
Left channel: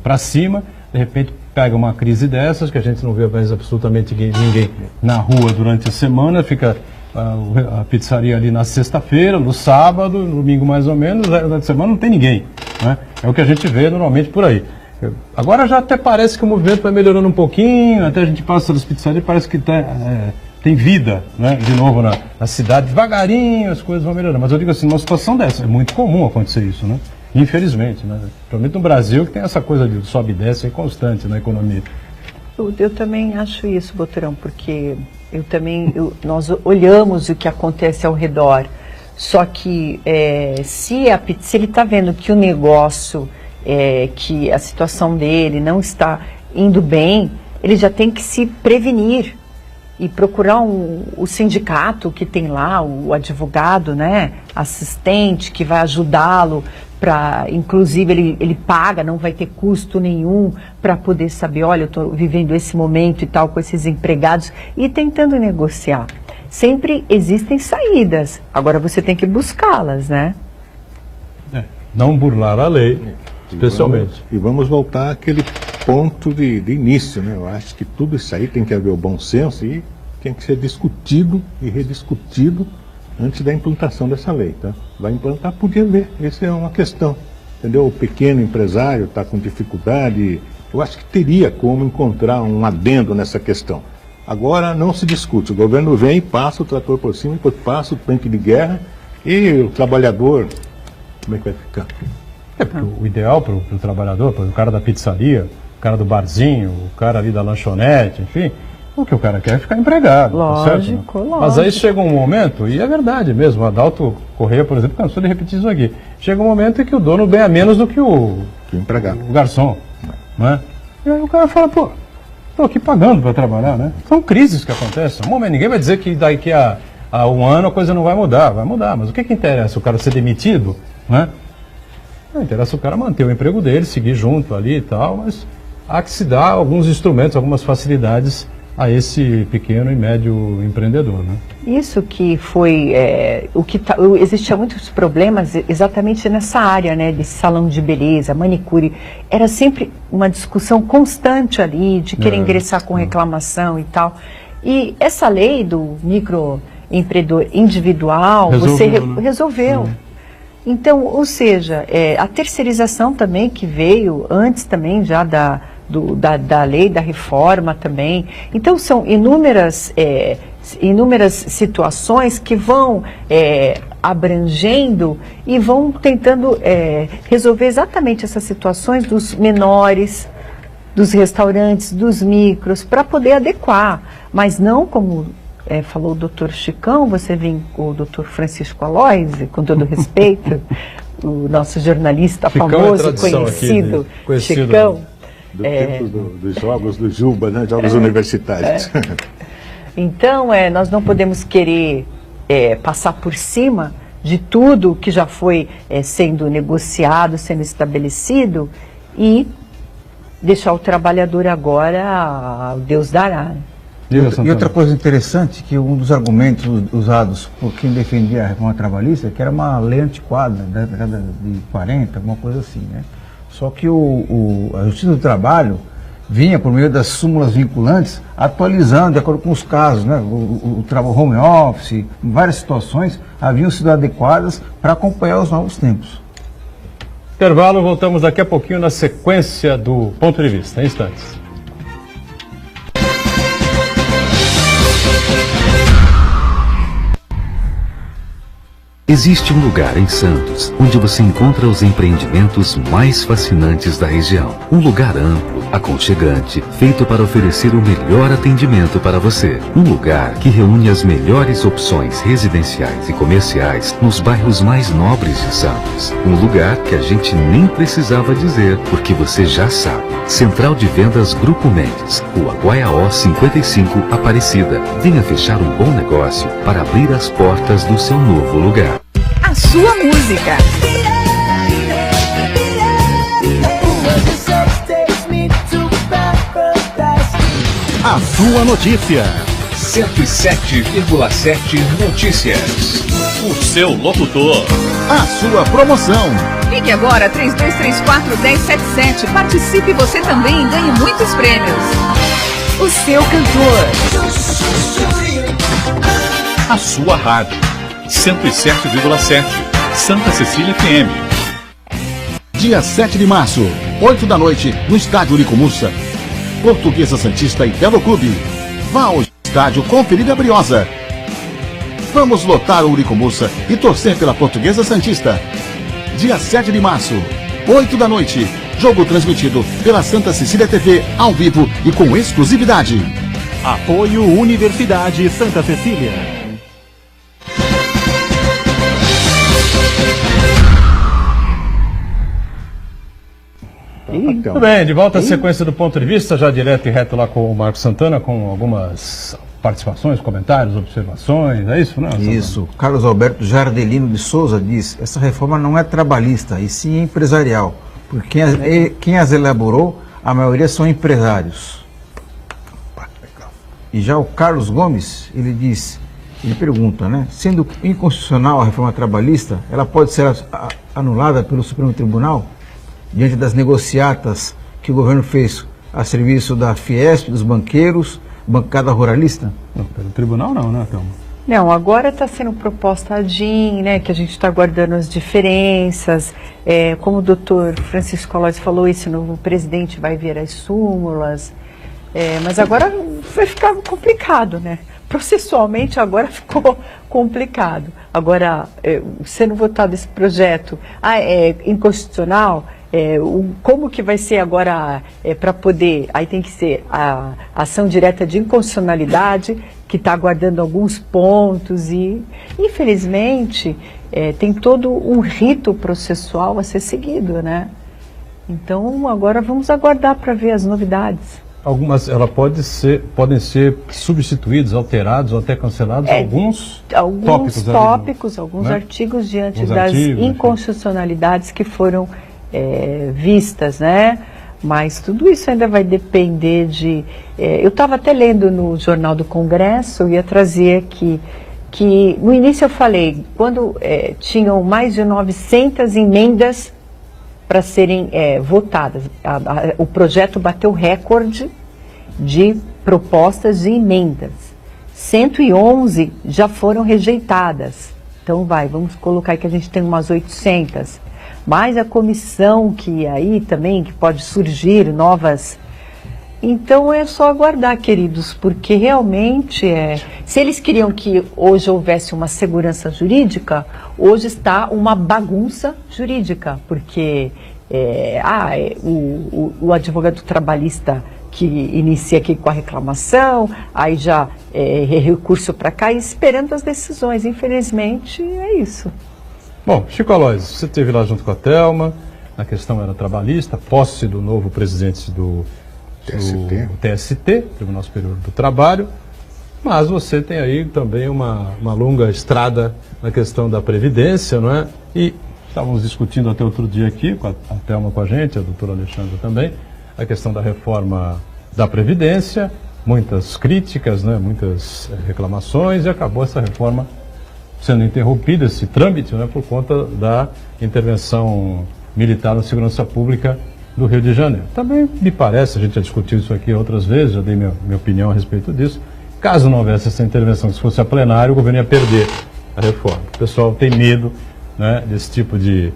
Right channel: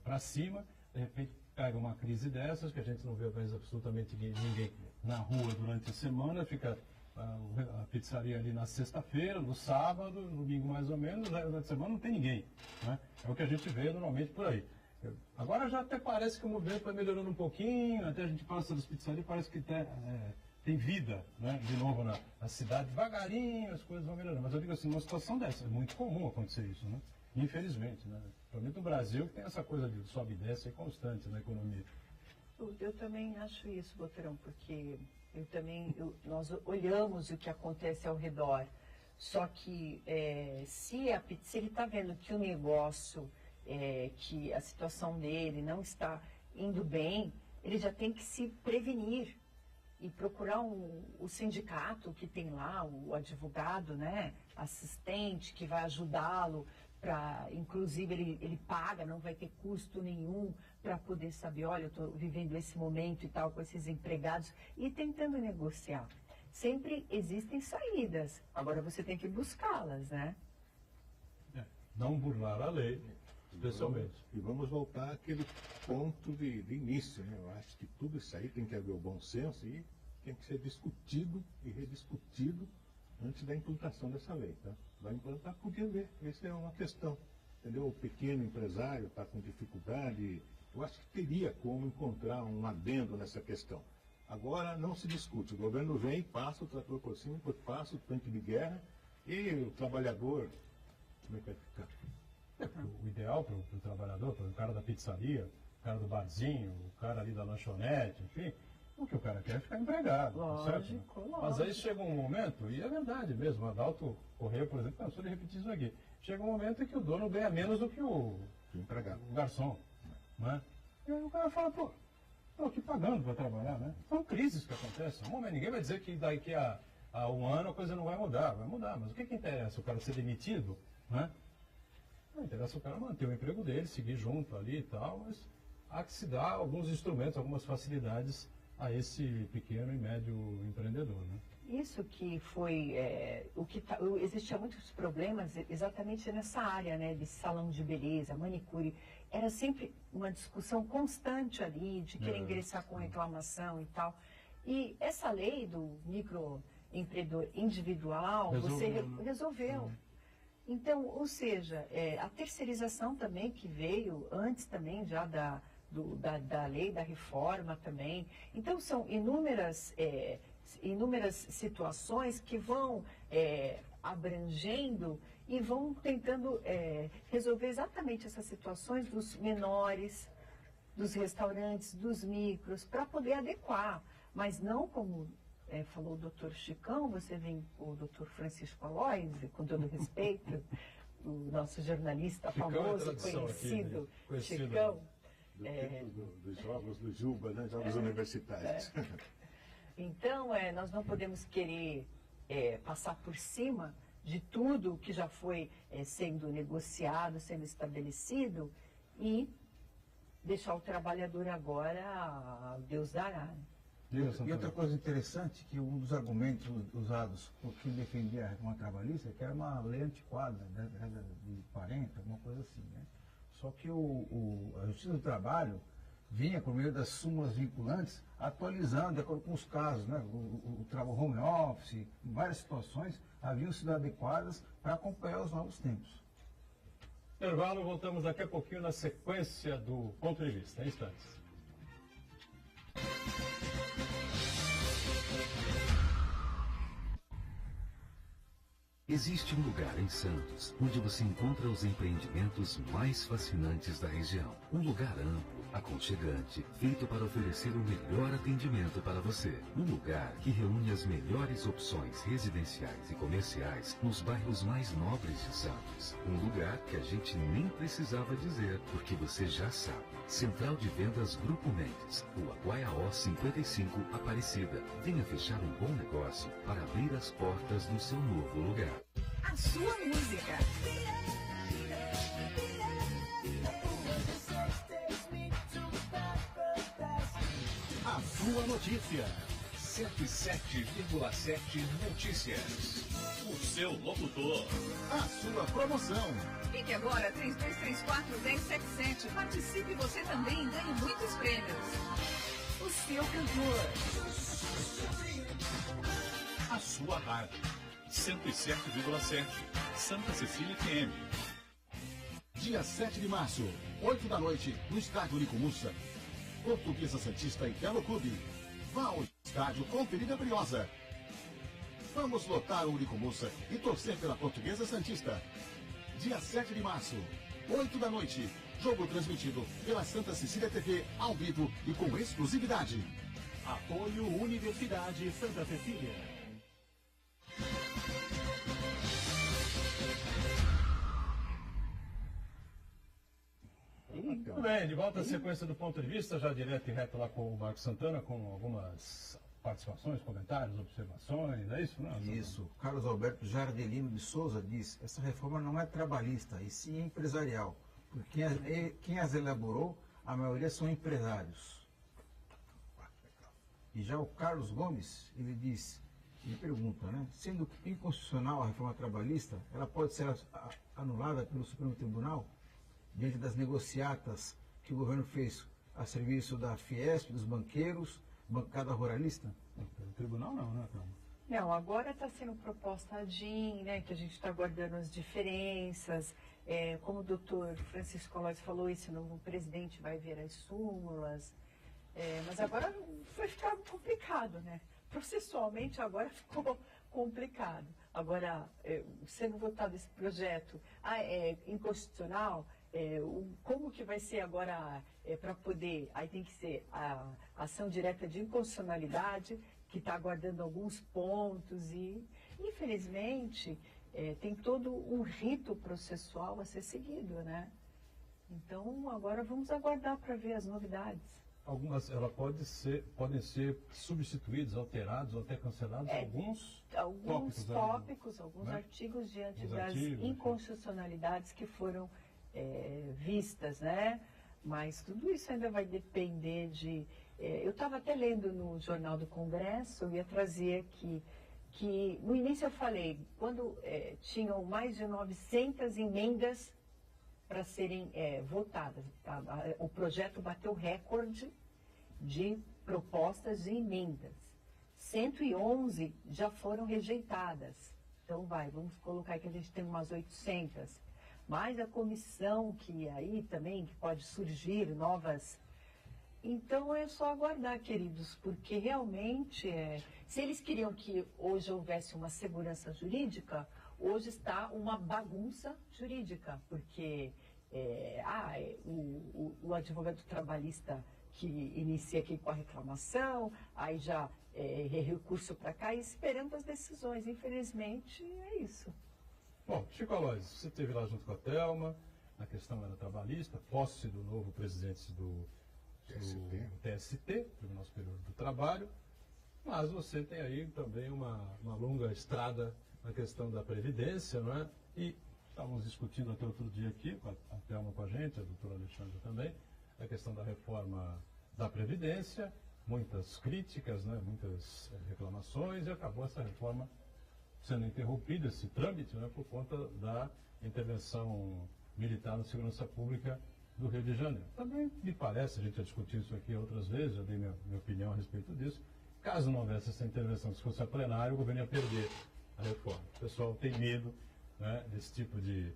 para cima, de repente pega uma crise dessas, que a gente não vê mais absolutamente ninguém na rua durante a semana, fica a pizzaria ali na sexta-feira, no sábado, no domingo mais ou menos, durante a semana não tem ninguém, né? É o que a gente vê normalmente por aí. Agora já até parece que o movimento vai melhorando um pouquinho, até a gente passa das pizzarias e parece que tem vida, né? De novo na cidade, devagarinho as coisas vão melhorando. Mas eu digo assim, numa situação dessa, é muito comum acontecer isso, né? Infelizmente, né? Principalmente no Brasil, que tem essa coisa de sobe e desce constante na economia. Eu também acho isso, Boturão, porque nós olhamos o que acontece ao redor, só que se ele está vendo que o negócio, que a situação dele não está indo bem, ele já tem que se prevenir e procurar o sindicato que tem lá, o advogado, né, assistente, que vai ajudá-lo para, inclusive, ele paga, não vai ter custo nenhum para poder saber, olha, eu estou vivendo esse momento e tal com esses empregados e tentando negociar. Sempre existem saídas, agora você tem que buscá-las, né? Não burlar a lei, especialmente. E vamos voltar àquele ponto de início, né? Eu acho que tudo isso aí tem que haver o bom senso e tem que ser discutido e rediscutido antes da implantação dessa lei, tá? Vai implantar, podia ver, essa é uma questão, entendeu? O pequeno empresário está com dificuldade, eu acho que teria como encontrar um adendo nessa questão. Agora não se discute, o governo vem, passa o trator por cima, depois passa o tanque de guerra e o trabalhador, como é que vai ficar? O ideal para o trabalhador, para o cara da pizzaria, o cara do barzinho, o cara ali da lanchonete, enfim, o que o cara quer é ficar empregado. Lógico, tá certo? lógico. Mas aí chega um momento, e é verdade mesmo, o Adalto Correia, por exemplo, cansou de repetir isso aqui. Chega um momento em que o dono ganha menos do que o empregado. O garçom. não é? E aí o cara fala, pô, estou aqui pagando para trabalhar, né? São crises que acontecem. Momento, ninguém vai dizer que daqui a um ano a coisa não vai mudar, mas o que interessa? O cara ser demitido, né? Não interessa o cara manter o emprego dele, seguir junto ali e tal, mas há que se dar alguns instrumentos, algumas facilidades a esse pequeno e médio empreendedor, né? Isso que foi, existiam muitos problemas exatamente nessa área, né, de salão de beleza, manicure, era sempre uma discussão constante ali, de querer ingressar com reclamação e tal, e essa lei do microempreendedor individual, resolveu. Então, ou seja, a terceirização também que veio antes também já da lei, da reforma também. Então, são inúmeras situações que vão abrangendo e vão tentando resolver exatamente essas situações dos menores, dos restaurantes, dos micros, para poder adequar, mas não como... falou o doutor Chicão, você vem com o doutor Francisco Aloysio, com todo respeito, o nosso jornalista Chicão famoso, conhecido, Chicão. Do tempo dos jogos do Juba, né? Jogos universitários. Então, nós não podemos querer passar por cima de tudo que já foi sendo negociado, sendo estabelecido, e deixar o trabalhador agora, Deus dará. E outra coisa interessante, que um dos argumentos usados por quem defendia a reforma trabalhista, que era uma lei antiquada, da década de 40, alguma coisa assim, né? Só que a Justiça do Trabalho vinha, por meio das súmulas vinculantes, atualizando de acordo com os casos, né? O trabalho home office, em várias situações, haviam sido adequadas para acompanhar os novos tempos. Intervalo, voltamos daqui a pouquinho na sequência do Ponto de Vista, em instantes. Existe um lugar em Santos onde você encontra os empreendimentos mais fascinantes da região. Um lugar amplo, aconchegante, feito para oferecer o melhor atendimento para você. Um lugar que reúne as melhores opções residenciais e comerciais nos bairros mais nobres de Santos. Um lugar que a gente nem precisava dizer, porque você já sabe. Central de Vendas Grupo Mendes, Rua Guaiaó 55, Aparecida. Venha fechar um bom negócio para abrir as portas do seu novo lugar. A sua música. A sua notícia. 107,7 Notícias. O seu locutor. A sua promoção. Ligue agora 3234-1077. Participe você também e ganhe muitos prêmios. O seu cantor. A sua rádio. 107,7 Santa Cecília FM. Dia 7 de março, 8 da noite, no estádio Uricomussa. Portuguesa Santista e Belo Clube. Vá ao estádio conferir a Briosa. Vamos lotar o Uricomussa e torcer pela Portuguesa Santista. Dia 7 de março, 8 da noite. Jogo transmitido pela Santa Cecília TV, ao vivo e com exclusividade. Apoio Universidade Santa Cecília. Muito bem, de volta à sequência do Ponto de Vista, já direto e reto lá com o Marcos Santana, com algumas participações, comentários, observações, é isso, não? Isso. Carlos Alberto Jardelino de Souza diz: essa reforma não é trabalhista, e sim empresarial, porque quem as elaborou, a maioria são empresários. E já o Carlos Gomes, ele pergunta, né? Sendo inconstitucional a reforma trabalhista, ela pode ser anulada pelo Supremo Tribunal? Diante das negociatas que o governo fez a serviço da Fiesp, dos banqueiros, bancada ruralista? Não, pelo tribunal não, né, Thelma? Não, agora está sendo proposta a DIN, né, que a gente está guardando as diferenças. Como o doutor Francisco Aloysio falou, esse novo presidente vai ver as súmulas. Mas agora vai ficar complicado, né? Processualmente agora ficou complicado. Agora, sendo votado esse projeto inconstitucional, como que vai ser agora para poder, aí tem que ser a ação direta de inconstitucionalidade, que está aguardando alguns pontos e, infelizmente, tem todo um rito processual a ser seguido, né? Então, agora vamos aguardar para ver as novidades. Algumas, podem ser substituídos, alterados ou até cancelados alguns tópicos, alguns né? artigos diante Alguns das artigos, inconstitucionalidades que foram vistas, né? Mas tudo isso ainda vai depender de... eu estava até lendo no Jornal do Congresso, eu ia trazer aqui, que no início eu falei, quando tinham mais de 900 emendas para serem votadas. O projeto bateu recorde de propostas de emendas. 111 já foram rejeitadas. Então vamos colocar aí que a gente tem umas 800. Mas a comissão que aí também, que pode surgir novas... Então é só aguardar, queridos, porque realmente, se eles queriam que hoje houvesse uma segurança jurídica, hoje está uma bagunça jurídica, porque o advogado trabalhista que inicia aqui com a reclamação, aí já recurso para cá e esperando as decisões. Infelizmente, é isso. Bom, Chico Aloys, você esteve lá junto com a Thelma, a questão era trabalhista, posse do novo presidente do TST, Tribunal Superior do Trabalho, mas você tem aí também uma longa estrada na questão da Previdência, não é? E estávamos discutindo até outro dia aqui, com a Thelma com a gente, a doutora Alexandra também, a questão da reforma da Previdência, muitas críticas, né? Muitas reclamações, e acabou essa reforma sendo interrompida, esse trâmite, né? Por conta da intervenção militar na segurança pública do Rio de Janeiro. Também me parece, a gente já discutiu isso aqui outras vezes, já dei minha opinião a respeito disso, caso não houvesse essa intervenção, se fosse a plenário, o governo ia perder a reforma. O pessoal tem medo, né, desse tipo de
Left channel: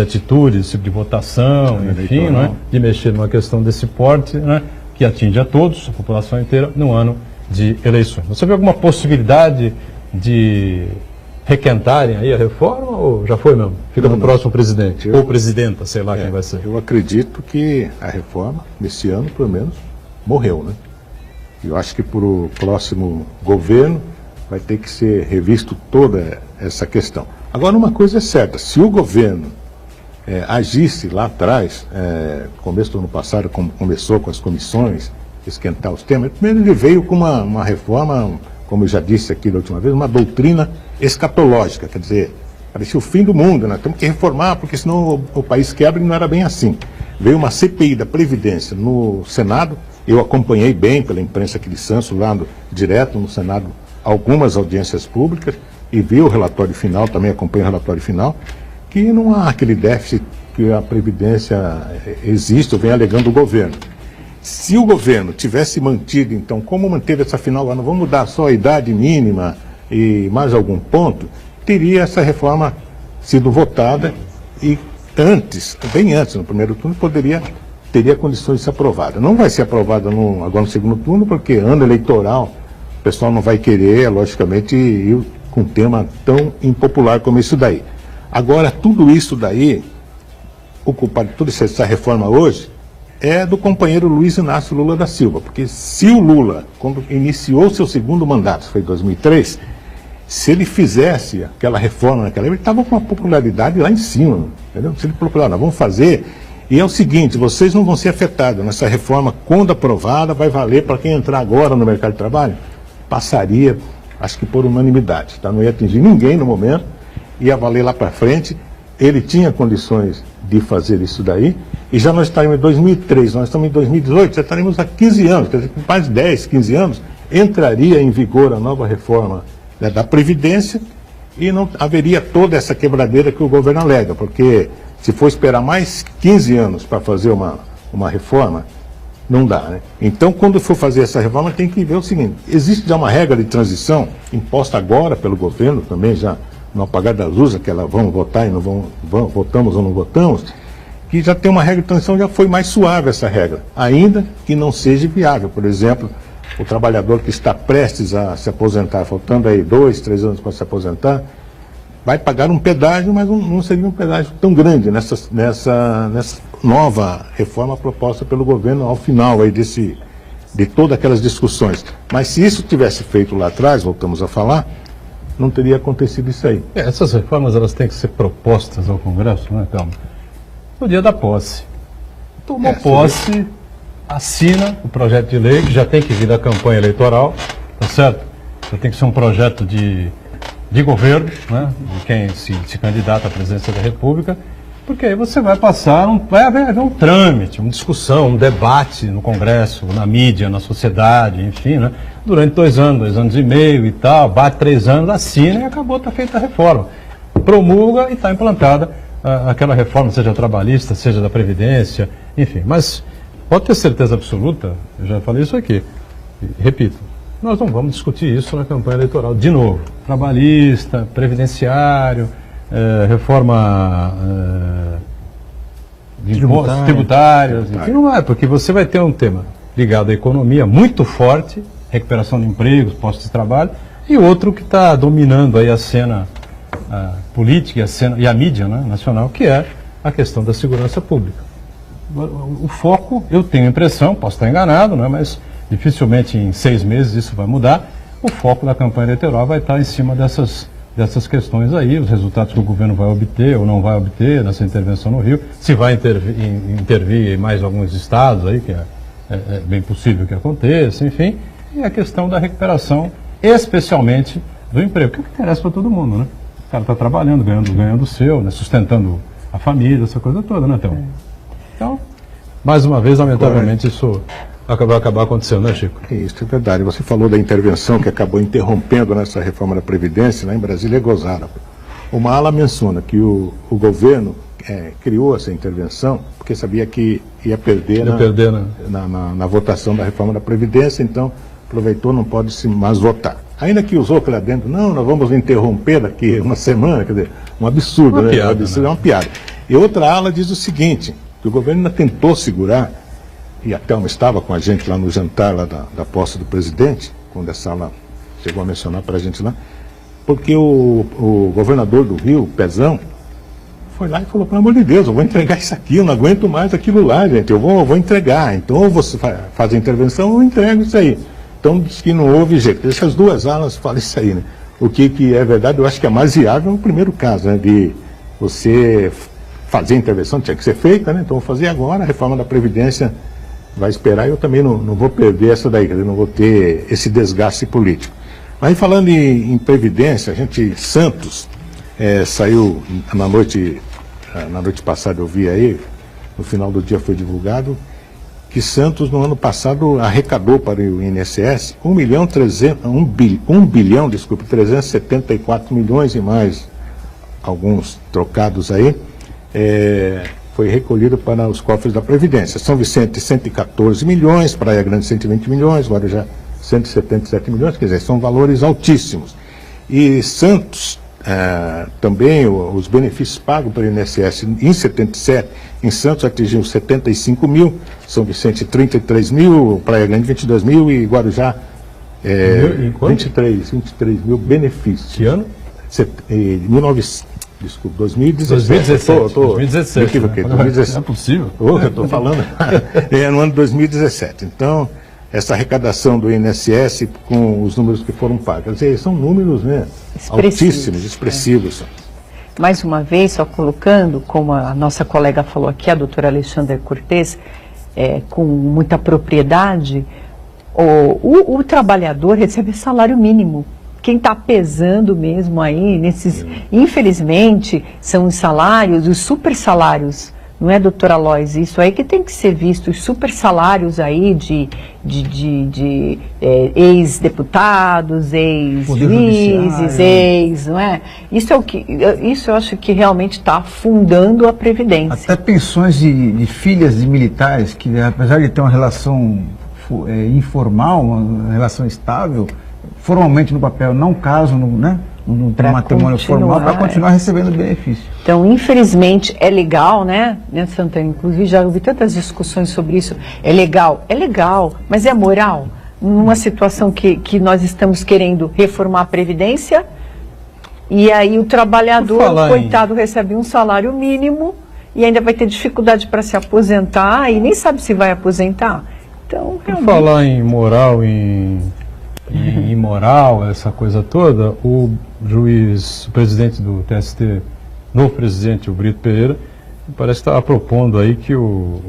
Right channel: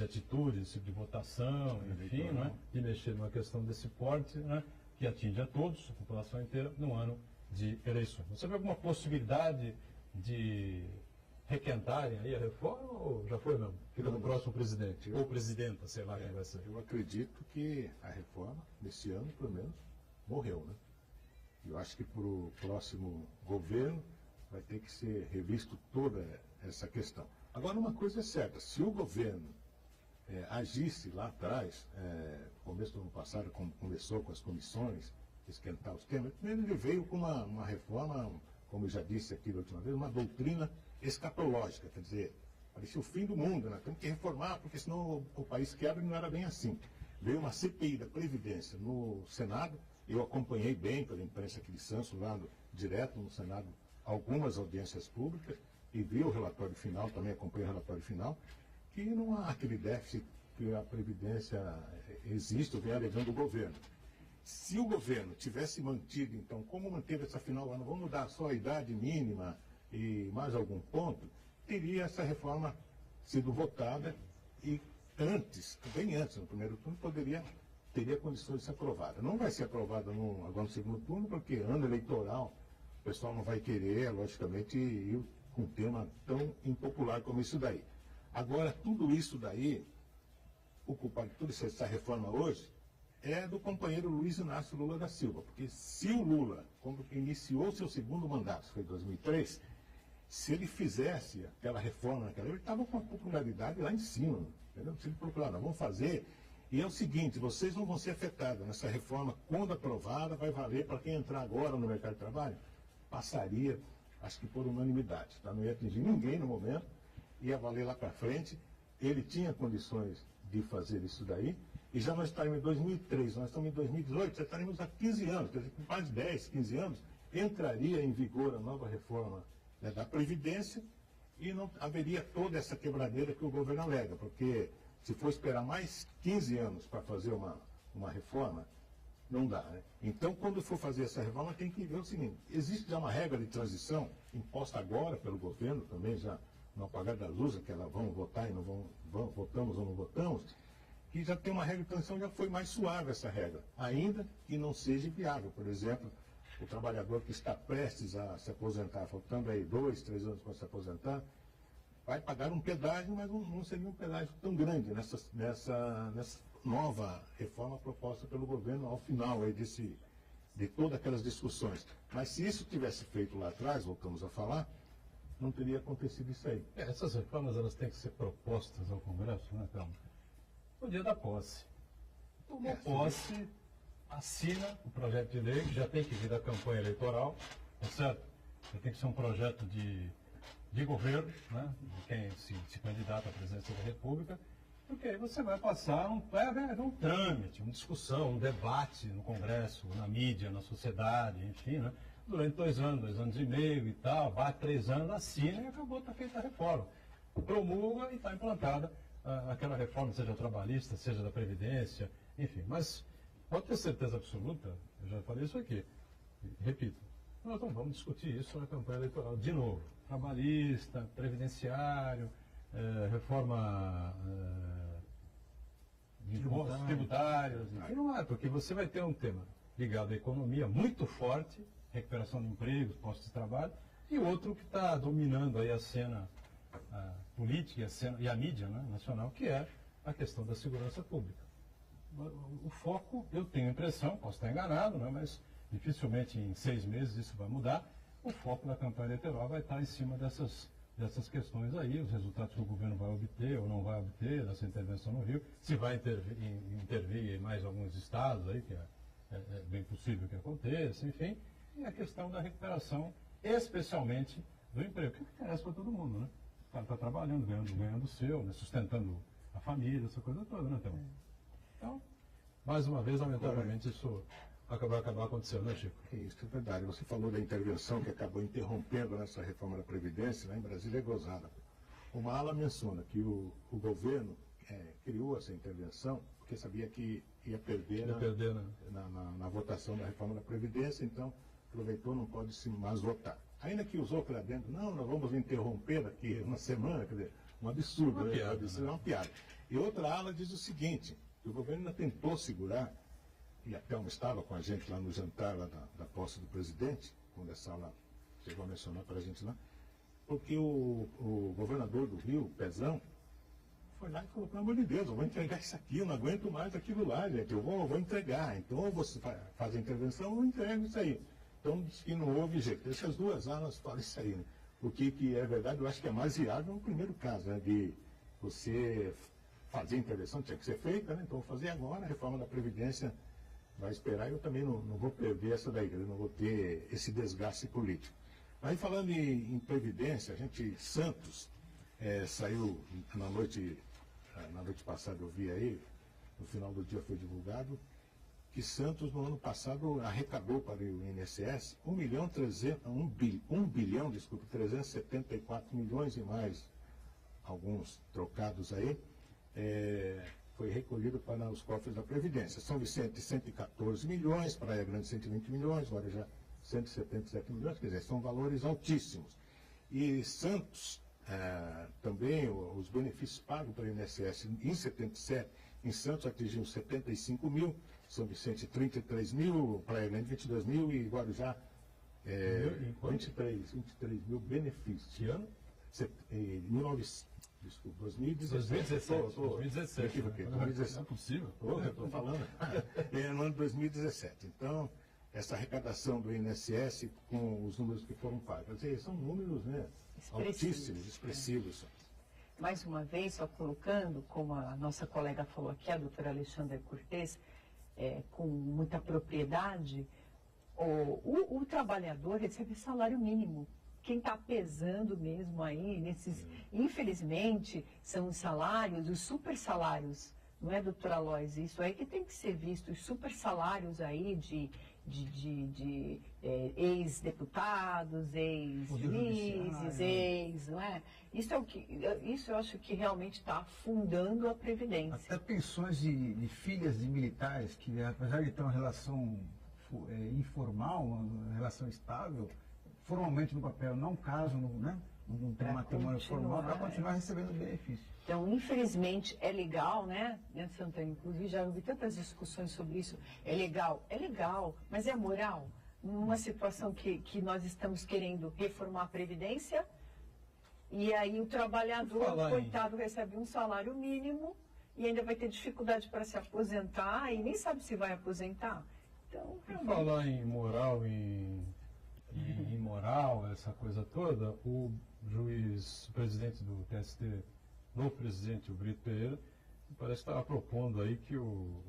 atitude, desse tipo de votação, enfim, né, de mexer numa questão desse porte, né, que atinge a todos, a população inteira, no ano de eleições. Você vê alguma possibilidade de requentarem aí a reforma ou já foi mesmo? Fica no próximo presidente, ou presidenta, sei lá quem vai ser. Eu acredito que a reforma, nesse ano, pelo menos, morreu, né? Eu acho que para o próximo governo vai ter que ser revisto toda essa questão. Agora, uma coisa é certa, se o governo agisse lá atrás, começo do ano passado, como começou com as comissões, esquentar os temas, primeiro ele veio com uma reforma, como eu já disse aqui da última vez, uma doutrina escatológica, quer dizer, parecia o fim do mundo, né? Temos que reformar, porque senão o país quebra, e não era bem assim. Veio uma CPI da Previdência no Senado, eu acompanhei bem pela imprensa aqui de Santos, lá direto no Senado, algumas audiências públicas, e vi o relatório final, também acompanhei o relatório final, que não há aquele déficit que a Previdência existe, ou vem alegando o governo. Se o governo tivesse mantido, então, como manteve essa final, agora não vamos mudar só a idade mínima e mais algum ponto, teria essa reforma sido votada e antes, bem antes, no primeiro turno, teria condições de ser aprovada. Não vai ser aprovada agora no segundo turno, porque ano eleitoral, o pessoal não vai querer, logicamente, ir com um tema tão impopular como isso daí. Agora, tudo isso daí, o culpado de toda essa reforma hoje, é do companheiro Luiz Inácio Lula da Silva, porque se o Lula, quando iniciou seu segundo mandato, foi em 2003, se ele fizesse aquela reforma naquela época, ele estava com uma popularidade lá em cima, entendeu? Se ele falou, nós vamos fazer, e é o seguinte, vocês não vão ser afetados nessa reforma, quando aprovada, vai valer para quem entrar agora no mercado de trabalho, passaria, acho que por unanimidade, tá? Não ia atingir ninguém no momento, ia valer lá para frente, ele tinha condições de fazer isso daí, e já nós estamos em 2003, nós estamos em 2018, já estaremos há 15 anos, quer dizer, com mais de 10, 15 anos, entraria em vigor a nova reforma, né, da Previdência, e não haveria toda essa quebradeira que o governo alega, porque se for esperar mais 15 anos para fazer uma reforma, não dá, né? Então, quando for fazer essa reforma, tem que ver o seguinte, existe já uma regra de transição, imposta agora pelo governo, também já no apagar das luzes, que ela vão votar e não votamos ou não votamos, que já tem uma regra de transição, já foi mais suave essa regra, ainda que não seja viável. Por exemplo, o trabalhador que está prestes a se aposentar, faltando aí 2, 3 anos para se aposentar, vai pagar um pedágio, mas não seria um pedágio tão grande nessa nova reforma proposta pelo governo ao final aí de todas aquelas discussões. Mas se isso tivesse feito lá atrás, voltamos a falar, não teria acontecido isso aí. Essas reformas, elas têm que ser propostas ao Congresso, né, Thelma? No dia da posse. tomou posse, assina o projeto de lei, que já tem que vir da campanha eleitoral, tá certo? Já tem que ser um projeto de governo, né? De quem se candidata à presidência da República, porque aí você vai passar, vai haver um trâmite, uma discussão, um debate no Congresso, na mídia, na sociedade, enfim, né? Durante 2 anos e meio e tal, bate 3 anos, assina e acabou, está feita a reforma. Promulga e está implantada aquela reforma, seja trabalhista, seja da Previdência, enfim. Mas pode ter certeza absoluta, eu já falei isso aqui, e repito, nós não vamos discutir isso na campanha eleitoral de novo. Trabalhista, previdenciário, reforma de impostos tributários, enfim, não é, porque você vai ter um tema ligado à economia muito forte, recuperação de empregos, postos de trabalho, e outro que está dominando aí a cena política e a mídia, né, nacional, que é a questão da segurança pública. O foco, eu tenho a impressão, posso estar enganado, né, mas dificilmente em 6 meses isso vai mudar, o foco da campanha eleitoral vai estar em cima dessas questões aí, os resultados que o governo vai obter ou não vai obter nessa intervenção no Rio, se vai intervir em mais alguns estados aí, que é bem possível que aconteça, enfim, e a questão da recuperação, especialmente do emprego, que é o que interessa para todo mundo, né? O cara está trabalhando, ganhando o seu, né? Sustentando a família, essa coisa toda, né, Théo? Então, mais uma vez, lamentavelmente, isso vai acabar acontecendo, né, Chico? Isso é verdade. Você falou da intervenção que acabou interrompendo nessa reforma da Previdência, lá em Brasília é gozada. Uma ala menciona que o governo criou essa intervenção porque sabia que ia perder, na votação da reforma da Previdência, então aproveitou, não pode se mais votar. Ainda que usou aquilo lá dentro, não, nós vamos interromper daqui uma semana, quer dizer, um absurdo, uma né? Piada, um absurdo, né? É uma piada. E outra ala diz o seguinte, que o governo ainda tentou segurar, e a Thelma estava com a gente lá no jantar lá da posse do presidente, quando essa ala chegou a mencionar para a gente lá, porque o governador do Rio, Pezão, foi lá e falou, pelo amor de Deus, eu vou entregar isso aqui, eu não aguento mais aquilo lá, gente, eu vou entregar. Então, ou você faz a intervenção, ou eu entrego isso aí. Então, diz que não houve jeito. Essas duas alas falam isso aí, né? O que é verdade, eu acho que é mais viável é o primeiro caso, né? De você fazer a intervenção, tinha que ser feita, né? Então, vou fazer agora, a reforma da Previdência vai esperar, e eu também não vou perder essa daí, quer dizer, não vou ter esse desgaste político. Mas falando em Previdência, Santos saiu na noite passada, eu vi aí, no final do dia foi divulgado, que Santos no ano passado arrecadou para o INSS 1 bilhão, 374 milhões e mais, alguns trocados aí, foi recolhido para os cofres da Previdência. São Vicente, 114 milhões, Praia Grande, 120 milhões, Guarujá, 177 milhões, quer dizer, são valores altíssimos. E Santos, também os benefícios pagos pelo INSS em 77, em Santos atingiu 75 mil, São Vicente 33 mil, Praia Grande 22 mil e Guarujá 23 mil benefícios. Que ano? 2017. 2017. Não é possível. Eu estou falando. No ano de 2017. Então, essa arrecadação do INSS com os números que foram pagos. Quer dizer, são números, né, altíssimos, expressivos. Mais uma vez, só colocando, como a nossa colega falou aqui, a doutora Alexandra Cortes, com muita propriedade, o trabalhador recebe salário mínimo. Quem está pesando mesmo aí, infelizmente, são os salários, os super salários, não é, doutora Lois? Isso aí que tem que ser visto, os super salários aí de ex-deputados, ex-juízes, não é? Isso eu acho que realmente está afundando a Previdência. Até pensões de filhas de militares, que apesar de ter uma relação informal, uma relação estável, formalmente no papel não casam, no matrimônio formal, para continuar recebendo benefício. Então, infelizmente, é legal, né, Santana? Inclusive, já ouvi tantas discussões sobre isso. É legal, mas é moral? Numa situação que nós estamos querendo reformar a Previdência, e aí o trabalhador, coitado, recebe um salário mínimo e ainda vai ter dificuldade para se aposentar e nem sabe se vai aposentar. Então, realmente... Por falar em moral, em imoral, essa coisa toda, o presidente do TST, novo presidente, o Brito Pereira, parece que estava propondo aí que os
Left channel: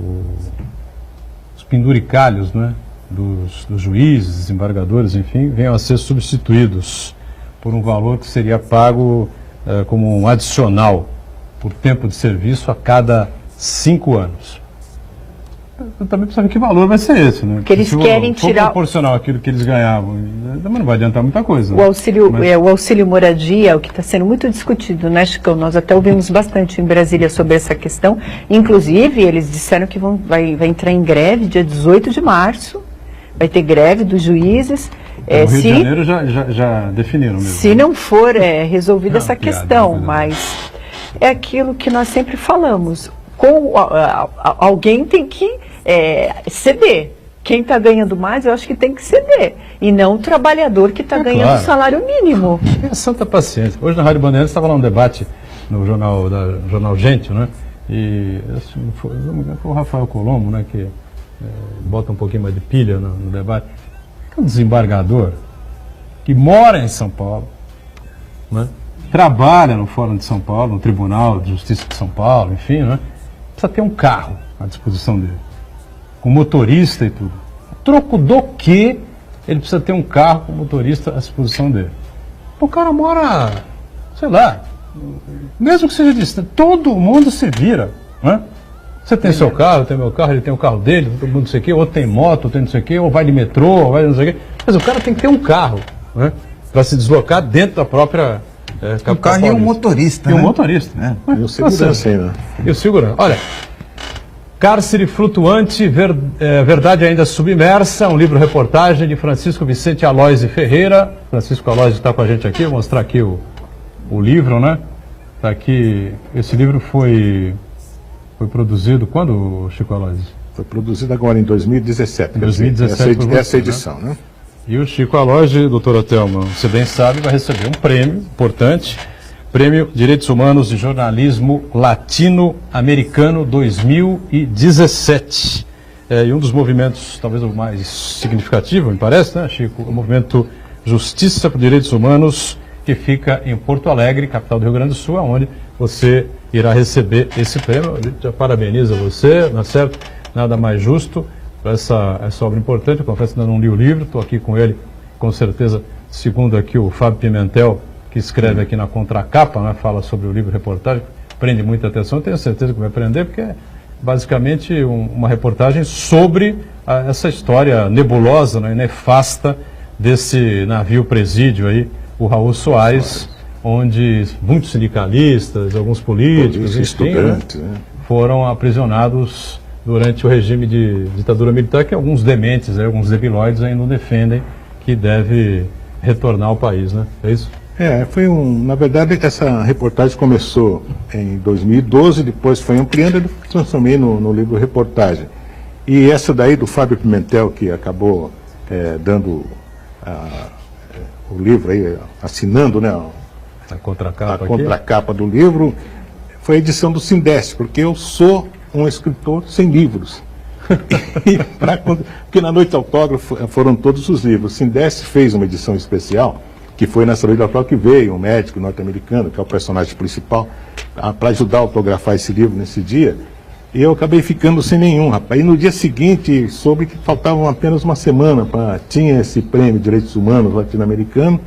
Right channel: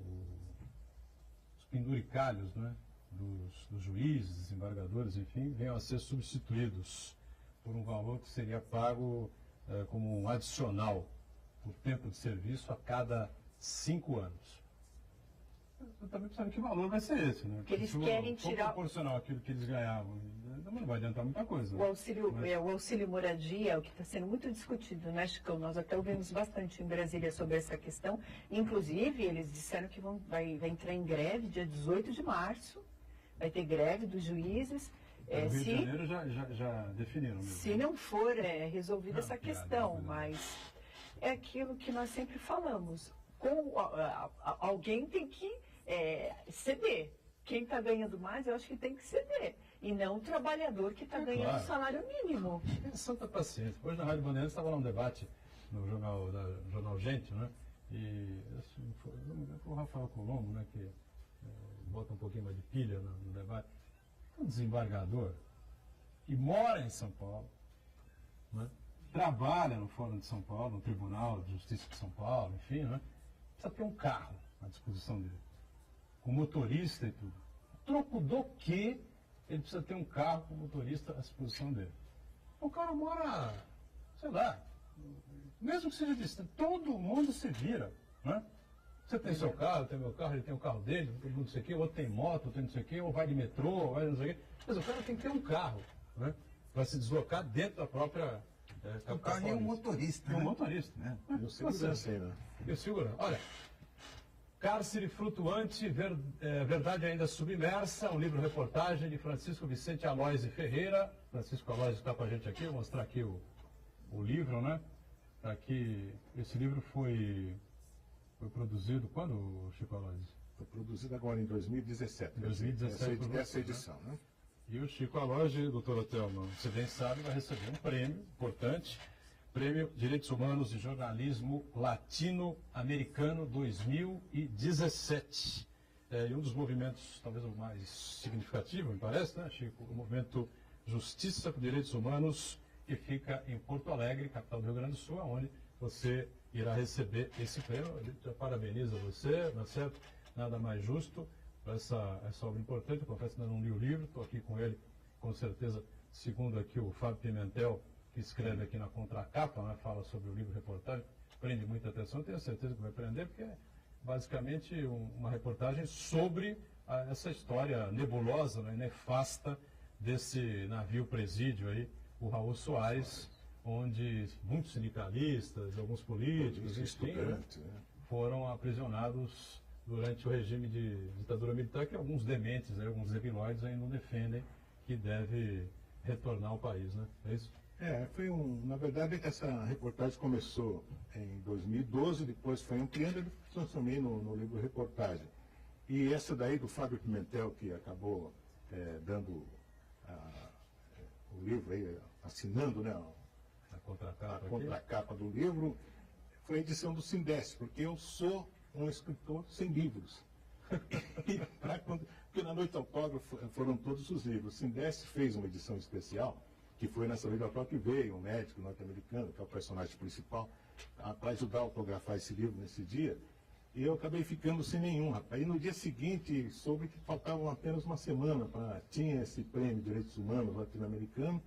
penduricalhos, né, dos juízes, desembargadores, enfim, venham a ser substituídos por um valor que seria pago como um adicional por tempo de serviço a cada 5 anos. Eu também preciso saber que valor vai ser esse, né? Porque eles querem tirar... proporcional àquilo que eles ganhavam, também não vai adiantar muita coisa. O auxílio moradia, o que está sendo muito discutido, né, Chicão? Nós até ouvimos bastante em Brasília sobre essa questão. Inclusive, eles disseram que vai entrar em greve dia 18 de março. Vai ter greve dos juízes. No Rio de Janeiro já definiram mesmo. Se não for resolvida essa questão, mas é aquilo que nós sempre falamos. Alguém tem que ceder. Quem está ganhando mais, eu acho que tem que ceder. E não o trabalhador que está ganhando o salário mínimo. É santa paciência. Hoje na Rádio Bandeirantes estava lá um debate no jornal Gente, né? E foi o Rafael Colombo, né, que bota um pouquinho mais de pilha no debate. É um desembargador que mora em São Paulo, né? Trabalha no Fórum de São Paulo, no Tribunal de Justiça de São Paulo, enfim, né? Precisa ter um carro à disposição dele, com motorista e tudo. Troco do que ele precisa ter um carro com motorista à disposição dele? O cara mora, sei lá, mesmo que seja distante, todo mundo se vira, né? Você tem seu carro, eu tenho meu carro, ele tem o carro dele, todo mundo não sei o quê, outro tem moto, outro tem não sei o quê, ou vai de metrô, ou vai não sei o quê. Mas o cara tem que ter um carro, né? Para se deslocar dentro da própria capital. Um carro e um motorista, E um né? motorista. E o segurança ainda. E o segurança. Olha, Cárcere Flutuante, Verdade Ainda Submersa, um livro-reportagem de Francisco Vicente Aloysio Ferreira. Francisco Aloysio está com a gente aqui, vou mostrar aqui o livro, né? Está aqui, esse livro foi produzido quando, Chico Aloysio? Foi produzido agora em 2017. Em 2017 essa edição, né? E o Chico Aloysio, doutora Thelma, você bem sabe, vai receber um prêmio importante, Prêmio Direitos Humanos e Jornalismo Latino-Americano 2017. E um dos movimentos, talvez o mais significativo, me parece, né, Chico? O movimento Justiça por Direitos Humanos, que fica em Porto Alegre, capital do Rio Grande do Sul, onde você irá receber esse prêmio. A gente já parabeniza você, não é certo? Nada mais justo para essa obra importante. Eu confesso que ainda não li o livro, estou aqui com ele, com certeza, segundo aqui o Fábio Pimentel, que escreve aqui na contracapa, né, fala sobre o livro reportagem, prende muita atenção, eu tenho certeza que vai prender, porque é basicamente uma reportagem sobre essa história nebulosa, né, nefasta desse navio presídio aí, o Raul Soares, onde muitos sindicalistas, alguns políticos, estudantes, né, foram aprisionados durante o regime de ditadura militar, que alguns dementes, alguns debilóides ainda não defendem que deve retornar ao país, né? É isso? Na verdade, essa reportagem começou em 2012, depois foi ampliando e transformei no livro reportagem. E essa daí do Fábio Pimentel, que acabou dando o livro aí, assinando, né, a contracapa do livro, foi a edição do Sindeste, porque eu sou um escritor sem livros. Porque na Noite Autógrafo foram todos os livros. O Sindeste fez uma edição especial, que foi nessa Noite Autógrafo que veio um médico norte-americano, que é o personagem principal, para ajudar a autografar esse livro nesse dia. E eu acabei ficando sem nenhum, rapaz. E no dia seguinte soube que faltavam apenas uma semana tinha esse prêmio de Direitos Humanos latino-americano,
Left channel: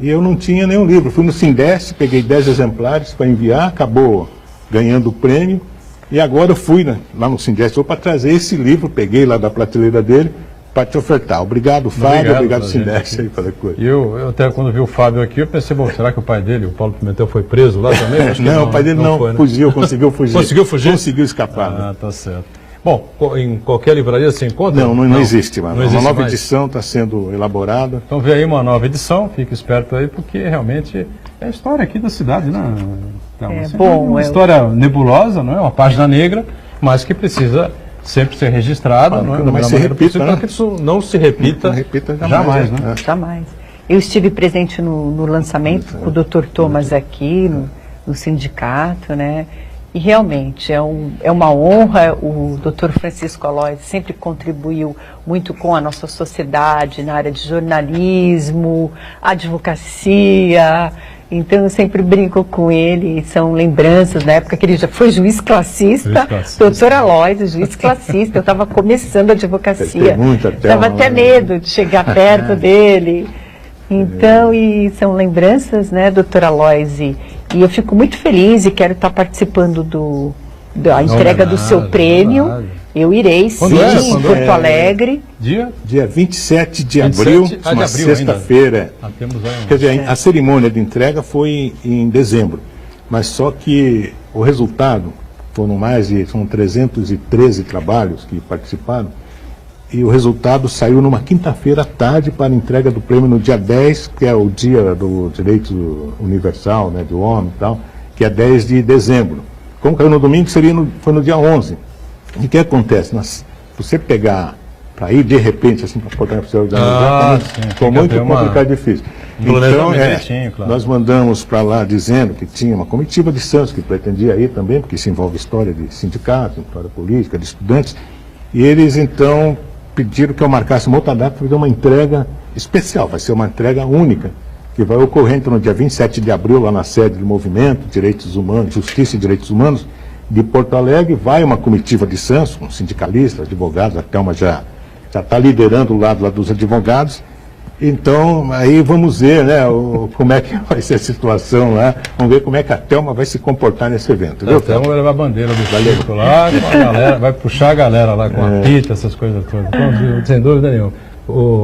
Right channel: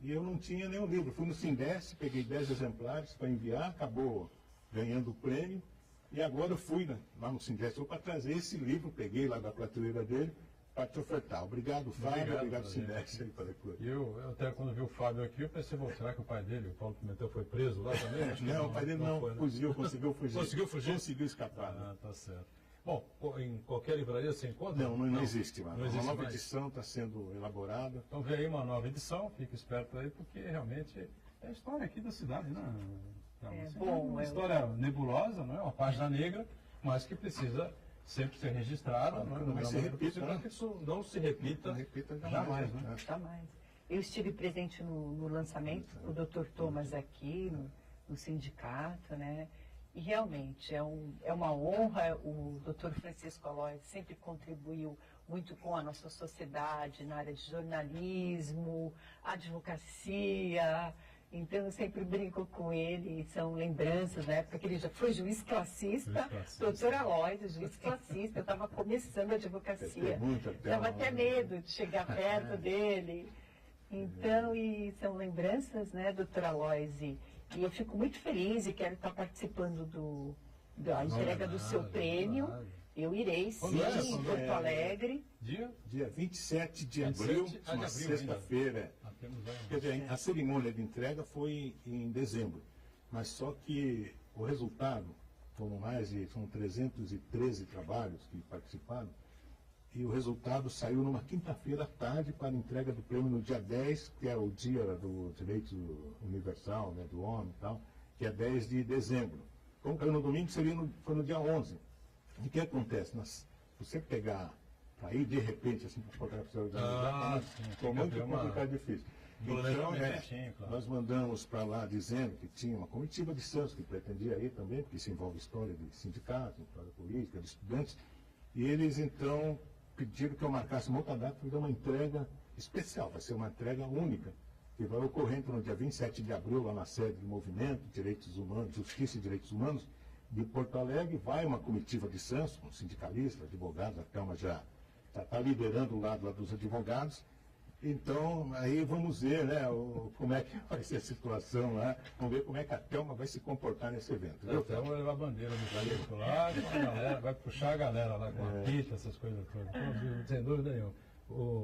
e eu não tinha nenhum livro. Fui no Sindeste, peguei 10 exemplares para enviar, acabou ganhando o prêmio. E agora eu fui lá no Sindeste para trazer esse livro, peguei lá da prateleira dele para te ofertar. Obrigado, Fábio, obrigado Sindeste aí pela coisa. E eu até quando vi o Fábio aqui, eu pensei, bom, será que o pai dele, o Paulo Pimentel, foi preso lá também? Acho que não, o pai dele não foi, né? Fugiu, conseguiu fugir. Conseguiu fugir? Conseguiu escapar. Ah, tá certo. Bom, em qualquer livraria você encontra? Não existe, mano. Não existe uma nova mais. edição está sendo elaborada. Então vê aí uma nova edição, fique esperto aí, porque realmente é a história aqui da cidade, né? Uma história nebulosa, não é? Uma página negra, mas que precisa sempre ser registrada, não é? Não se repita, para que isso não se repita, jamais, né? Jamais. Eu estive presente no lançamento com o Dr. Thomas aqui, no sindicato, né? E realmente é uma honra. O Dr. Francisco Aloysio sempre contribuiu muito com a nossa sociedade na área de jornalismo, advocacia. Então eu sempre brinco com ele, são lembranças da época que ele já foi juiz classista, doutor Aloysio, juiz classista, eu estava começando a advocacia, estava até medo de chegar perto dele. Então, e são lembranças, né, doutor Aloysio, e eu fico muito feliz e quero estar participando da entrega do seu prêmio. Eu irei, sim, em Porto Alegre. Dia 27 de abril, uma sexta-feira. Quer dizer, a cerimônia de entrega foi em dezembro, mas só que o resultado, são 313 trabalhos que participaram, e o resultado saiu numa quinta-feira à tarde para a entrega do prêmio no dia 10, que é o dia do direito universal, né, do homem e tal, que é 10 de dezembro. Como caiu no domingo, foi no dia 11. E o que acontece? Se você pegar para ir de repente assim para a portaria oficial organizar, ficou muito complicado e difícil. Então, nós mandamos para lá dizendo que tinha uma comitiva de Santos que pretendia ir também, porque isso envolve história de sindicatos, história política, de estudantes, e eles então pediram que eu marcasse uma outra data para fazer uma entrega especial, vai ser uma entrega única, que vai ocorrer então, no dia 27 de abril, lá na sede do Movimento Direitos Humanos, Justiça e Direitos Humanos, de Porto Alegre. Vai uma comitiva de Santos, com sindicalistas, advogados, a Thelma já está liderando o lado lá dos advogados. Então, aí vamos ver, né, como é que vai ser a situação lá, vamos ver como é que a Thelma vai se comportar nesse evento. A Thelma vai levar a bandeira do Chico lá, com a galera, vai puxar a galera lá com a pita, essas coisas todas. Então, sem dúvida nenhuma.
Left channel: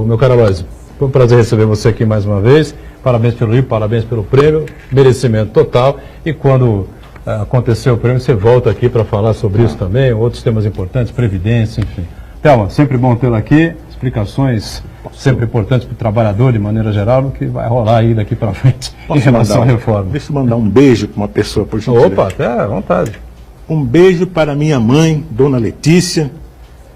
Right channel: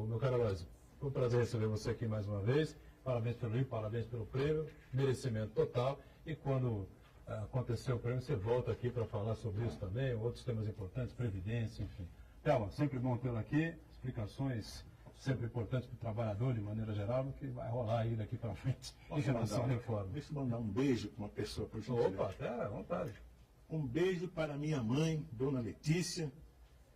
Meu caro Aloysio, foi um prazer receber você aqui mais uma vez. Parabéns pelo livro, parabéns pelo prêmio, merecimento total. E quando acontecer o prêmio, você volta aqui para falar sobre isso também, outros temas importantes, previdência, enfim. Thelma, sempre bom tê-la aqui, explicações sempre importantes para o trabalhador de maneira geral, no que vai rolar aí daqui para frente em relação à reforma. Deixa eu mandar um beijo para uma pessoa, por gentileza. Opa, até à vontade. Um beijo para minha mãe, dona Letícia,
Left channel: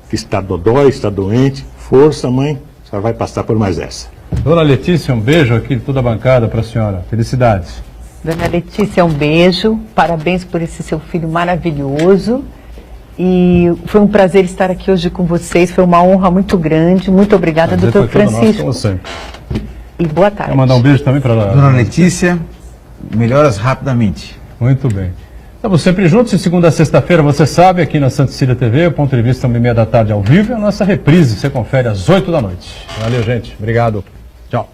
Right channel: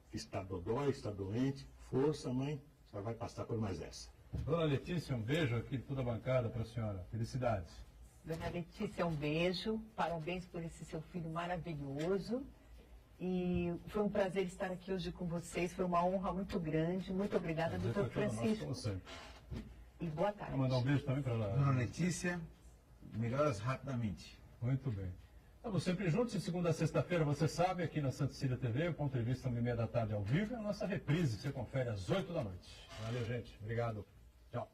que está dodói, está doente. Força, mãe, só vai passar por mais essa. Dona Letícia, um beijo aqui de toda a bancada para a senhora. Felicidades. Dona Letícia, um beijo. Parabéns por esse seu filho maravilhoso. E foi um prazer estar aqui hoje com vocês. Foi uma honra muito grande. Muito obrigada, doutor Francisco. Como sempre. E boa tarde. Quero mandar um beijo também para a Dona Letícia, melhoras rapidamente. Muito bem. Estamos sempre juntos, de segunda a sexta-feira, você sabe, aqui na Santa Cecília TV, o ponto de vista 1h30 da tarde ao vivo, e a nossa reprise, você confere às 8 da noite. Valeu, gente. Obrigado. Tchau.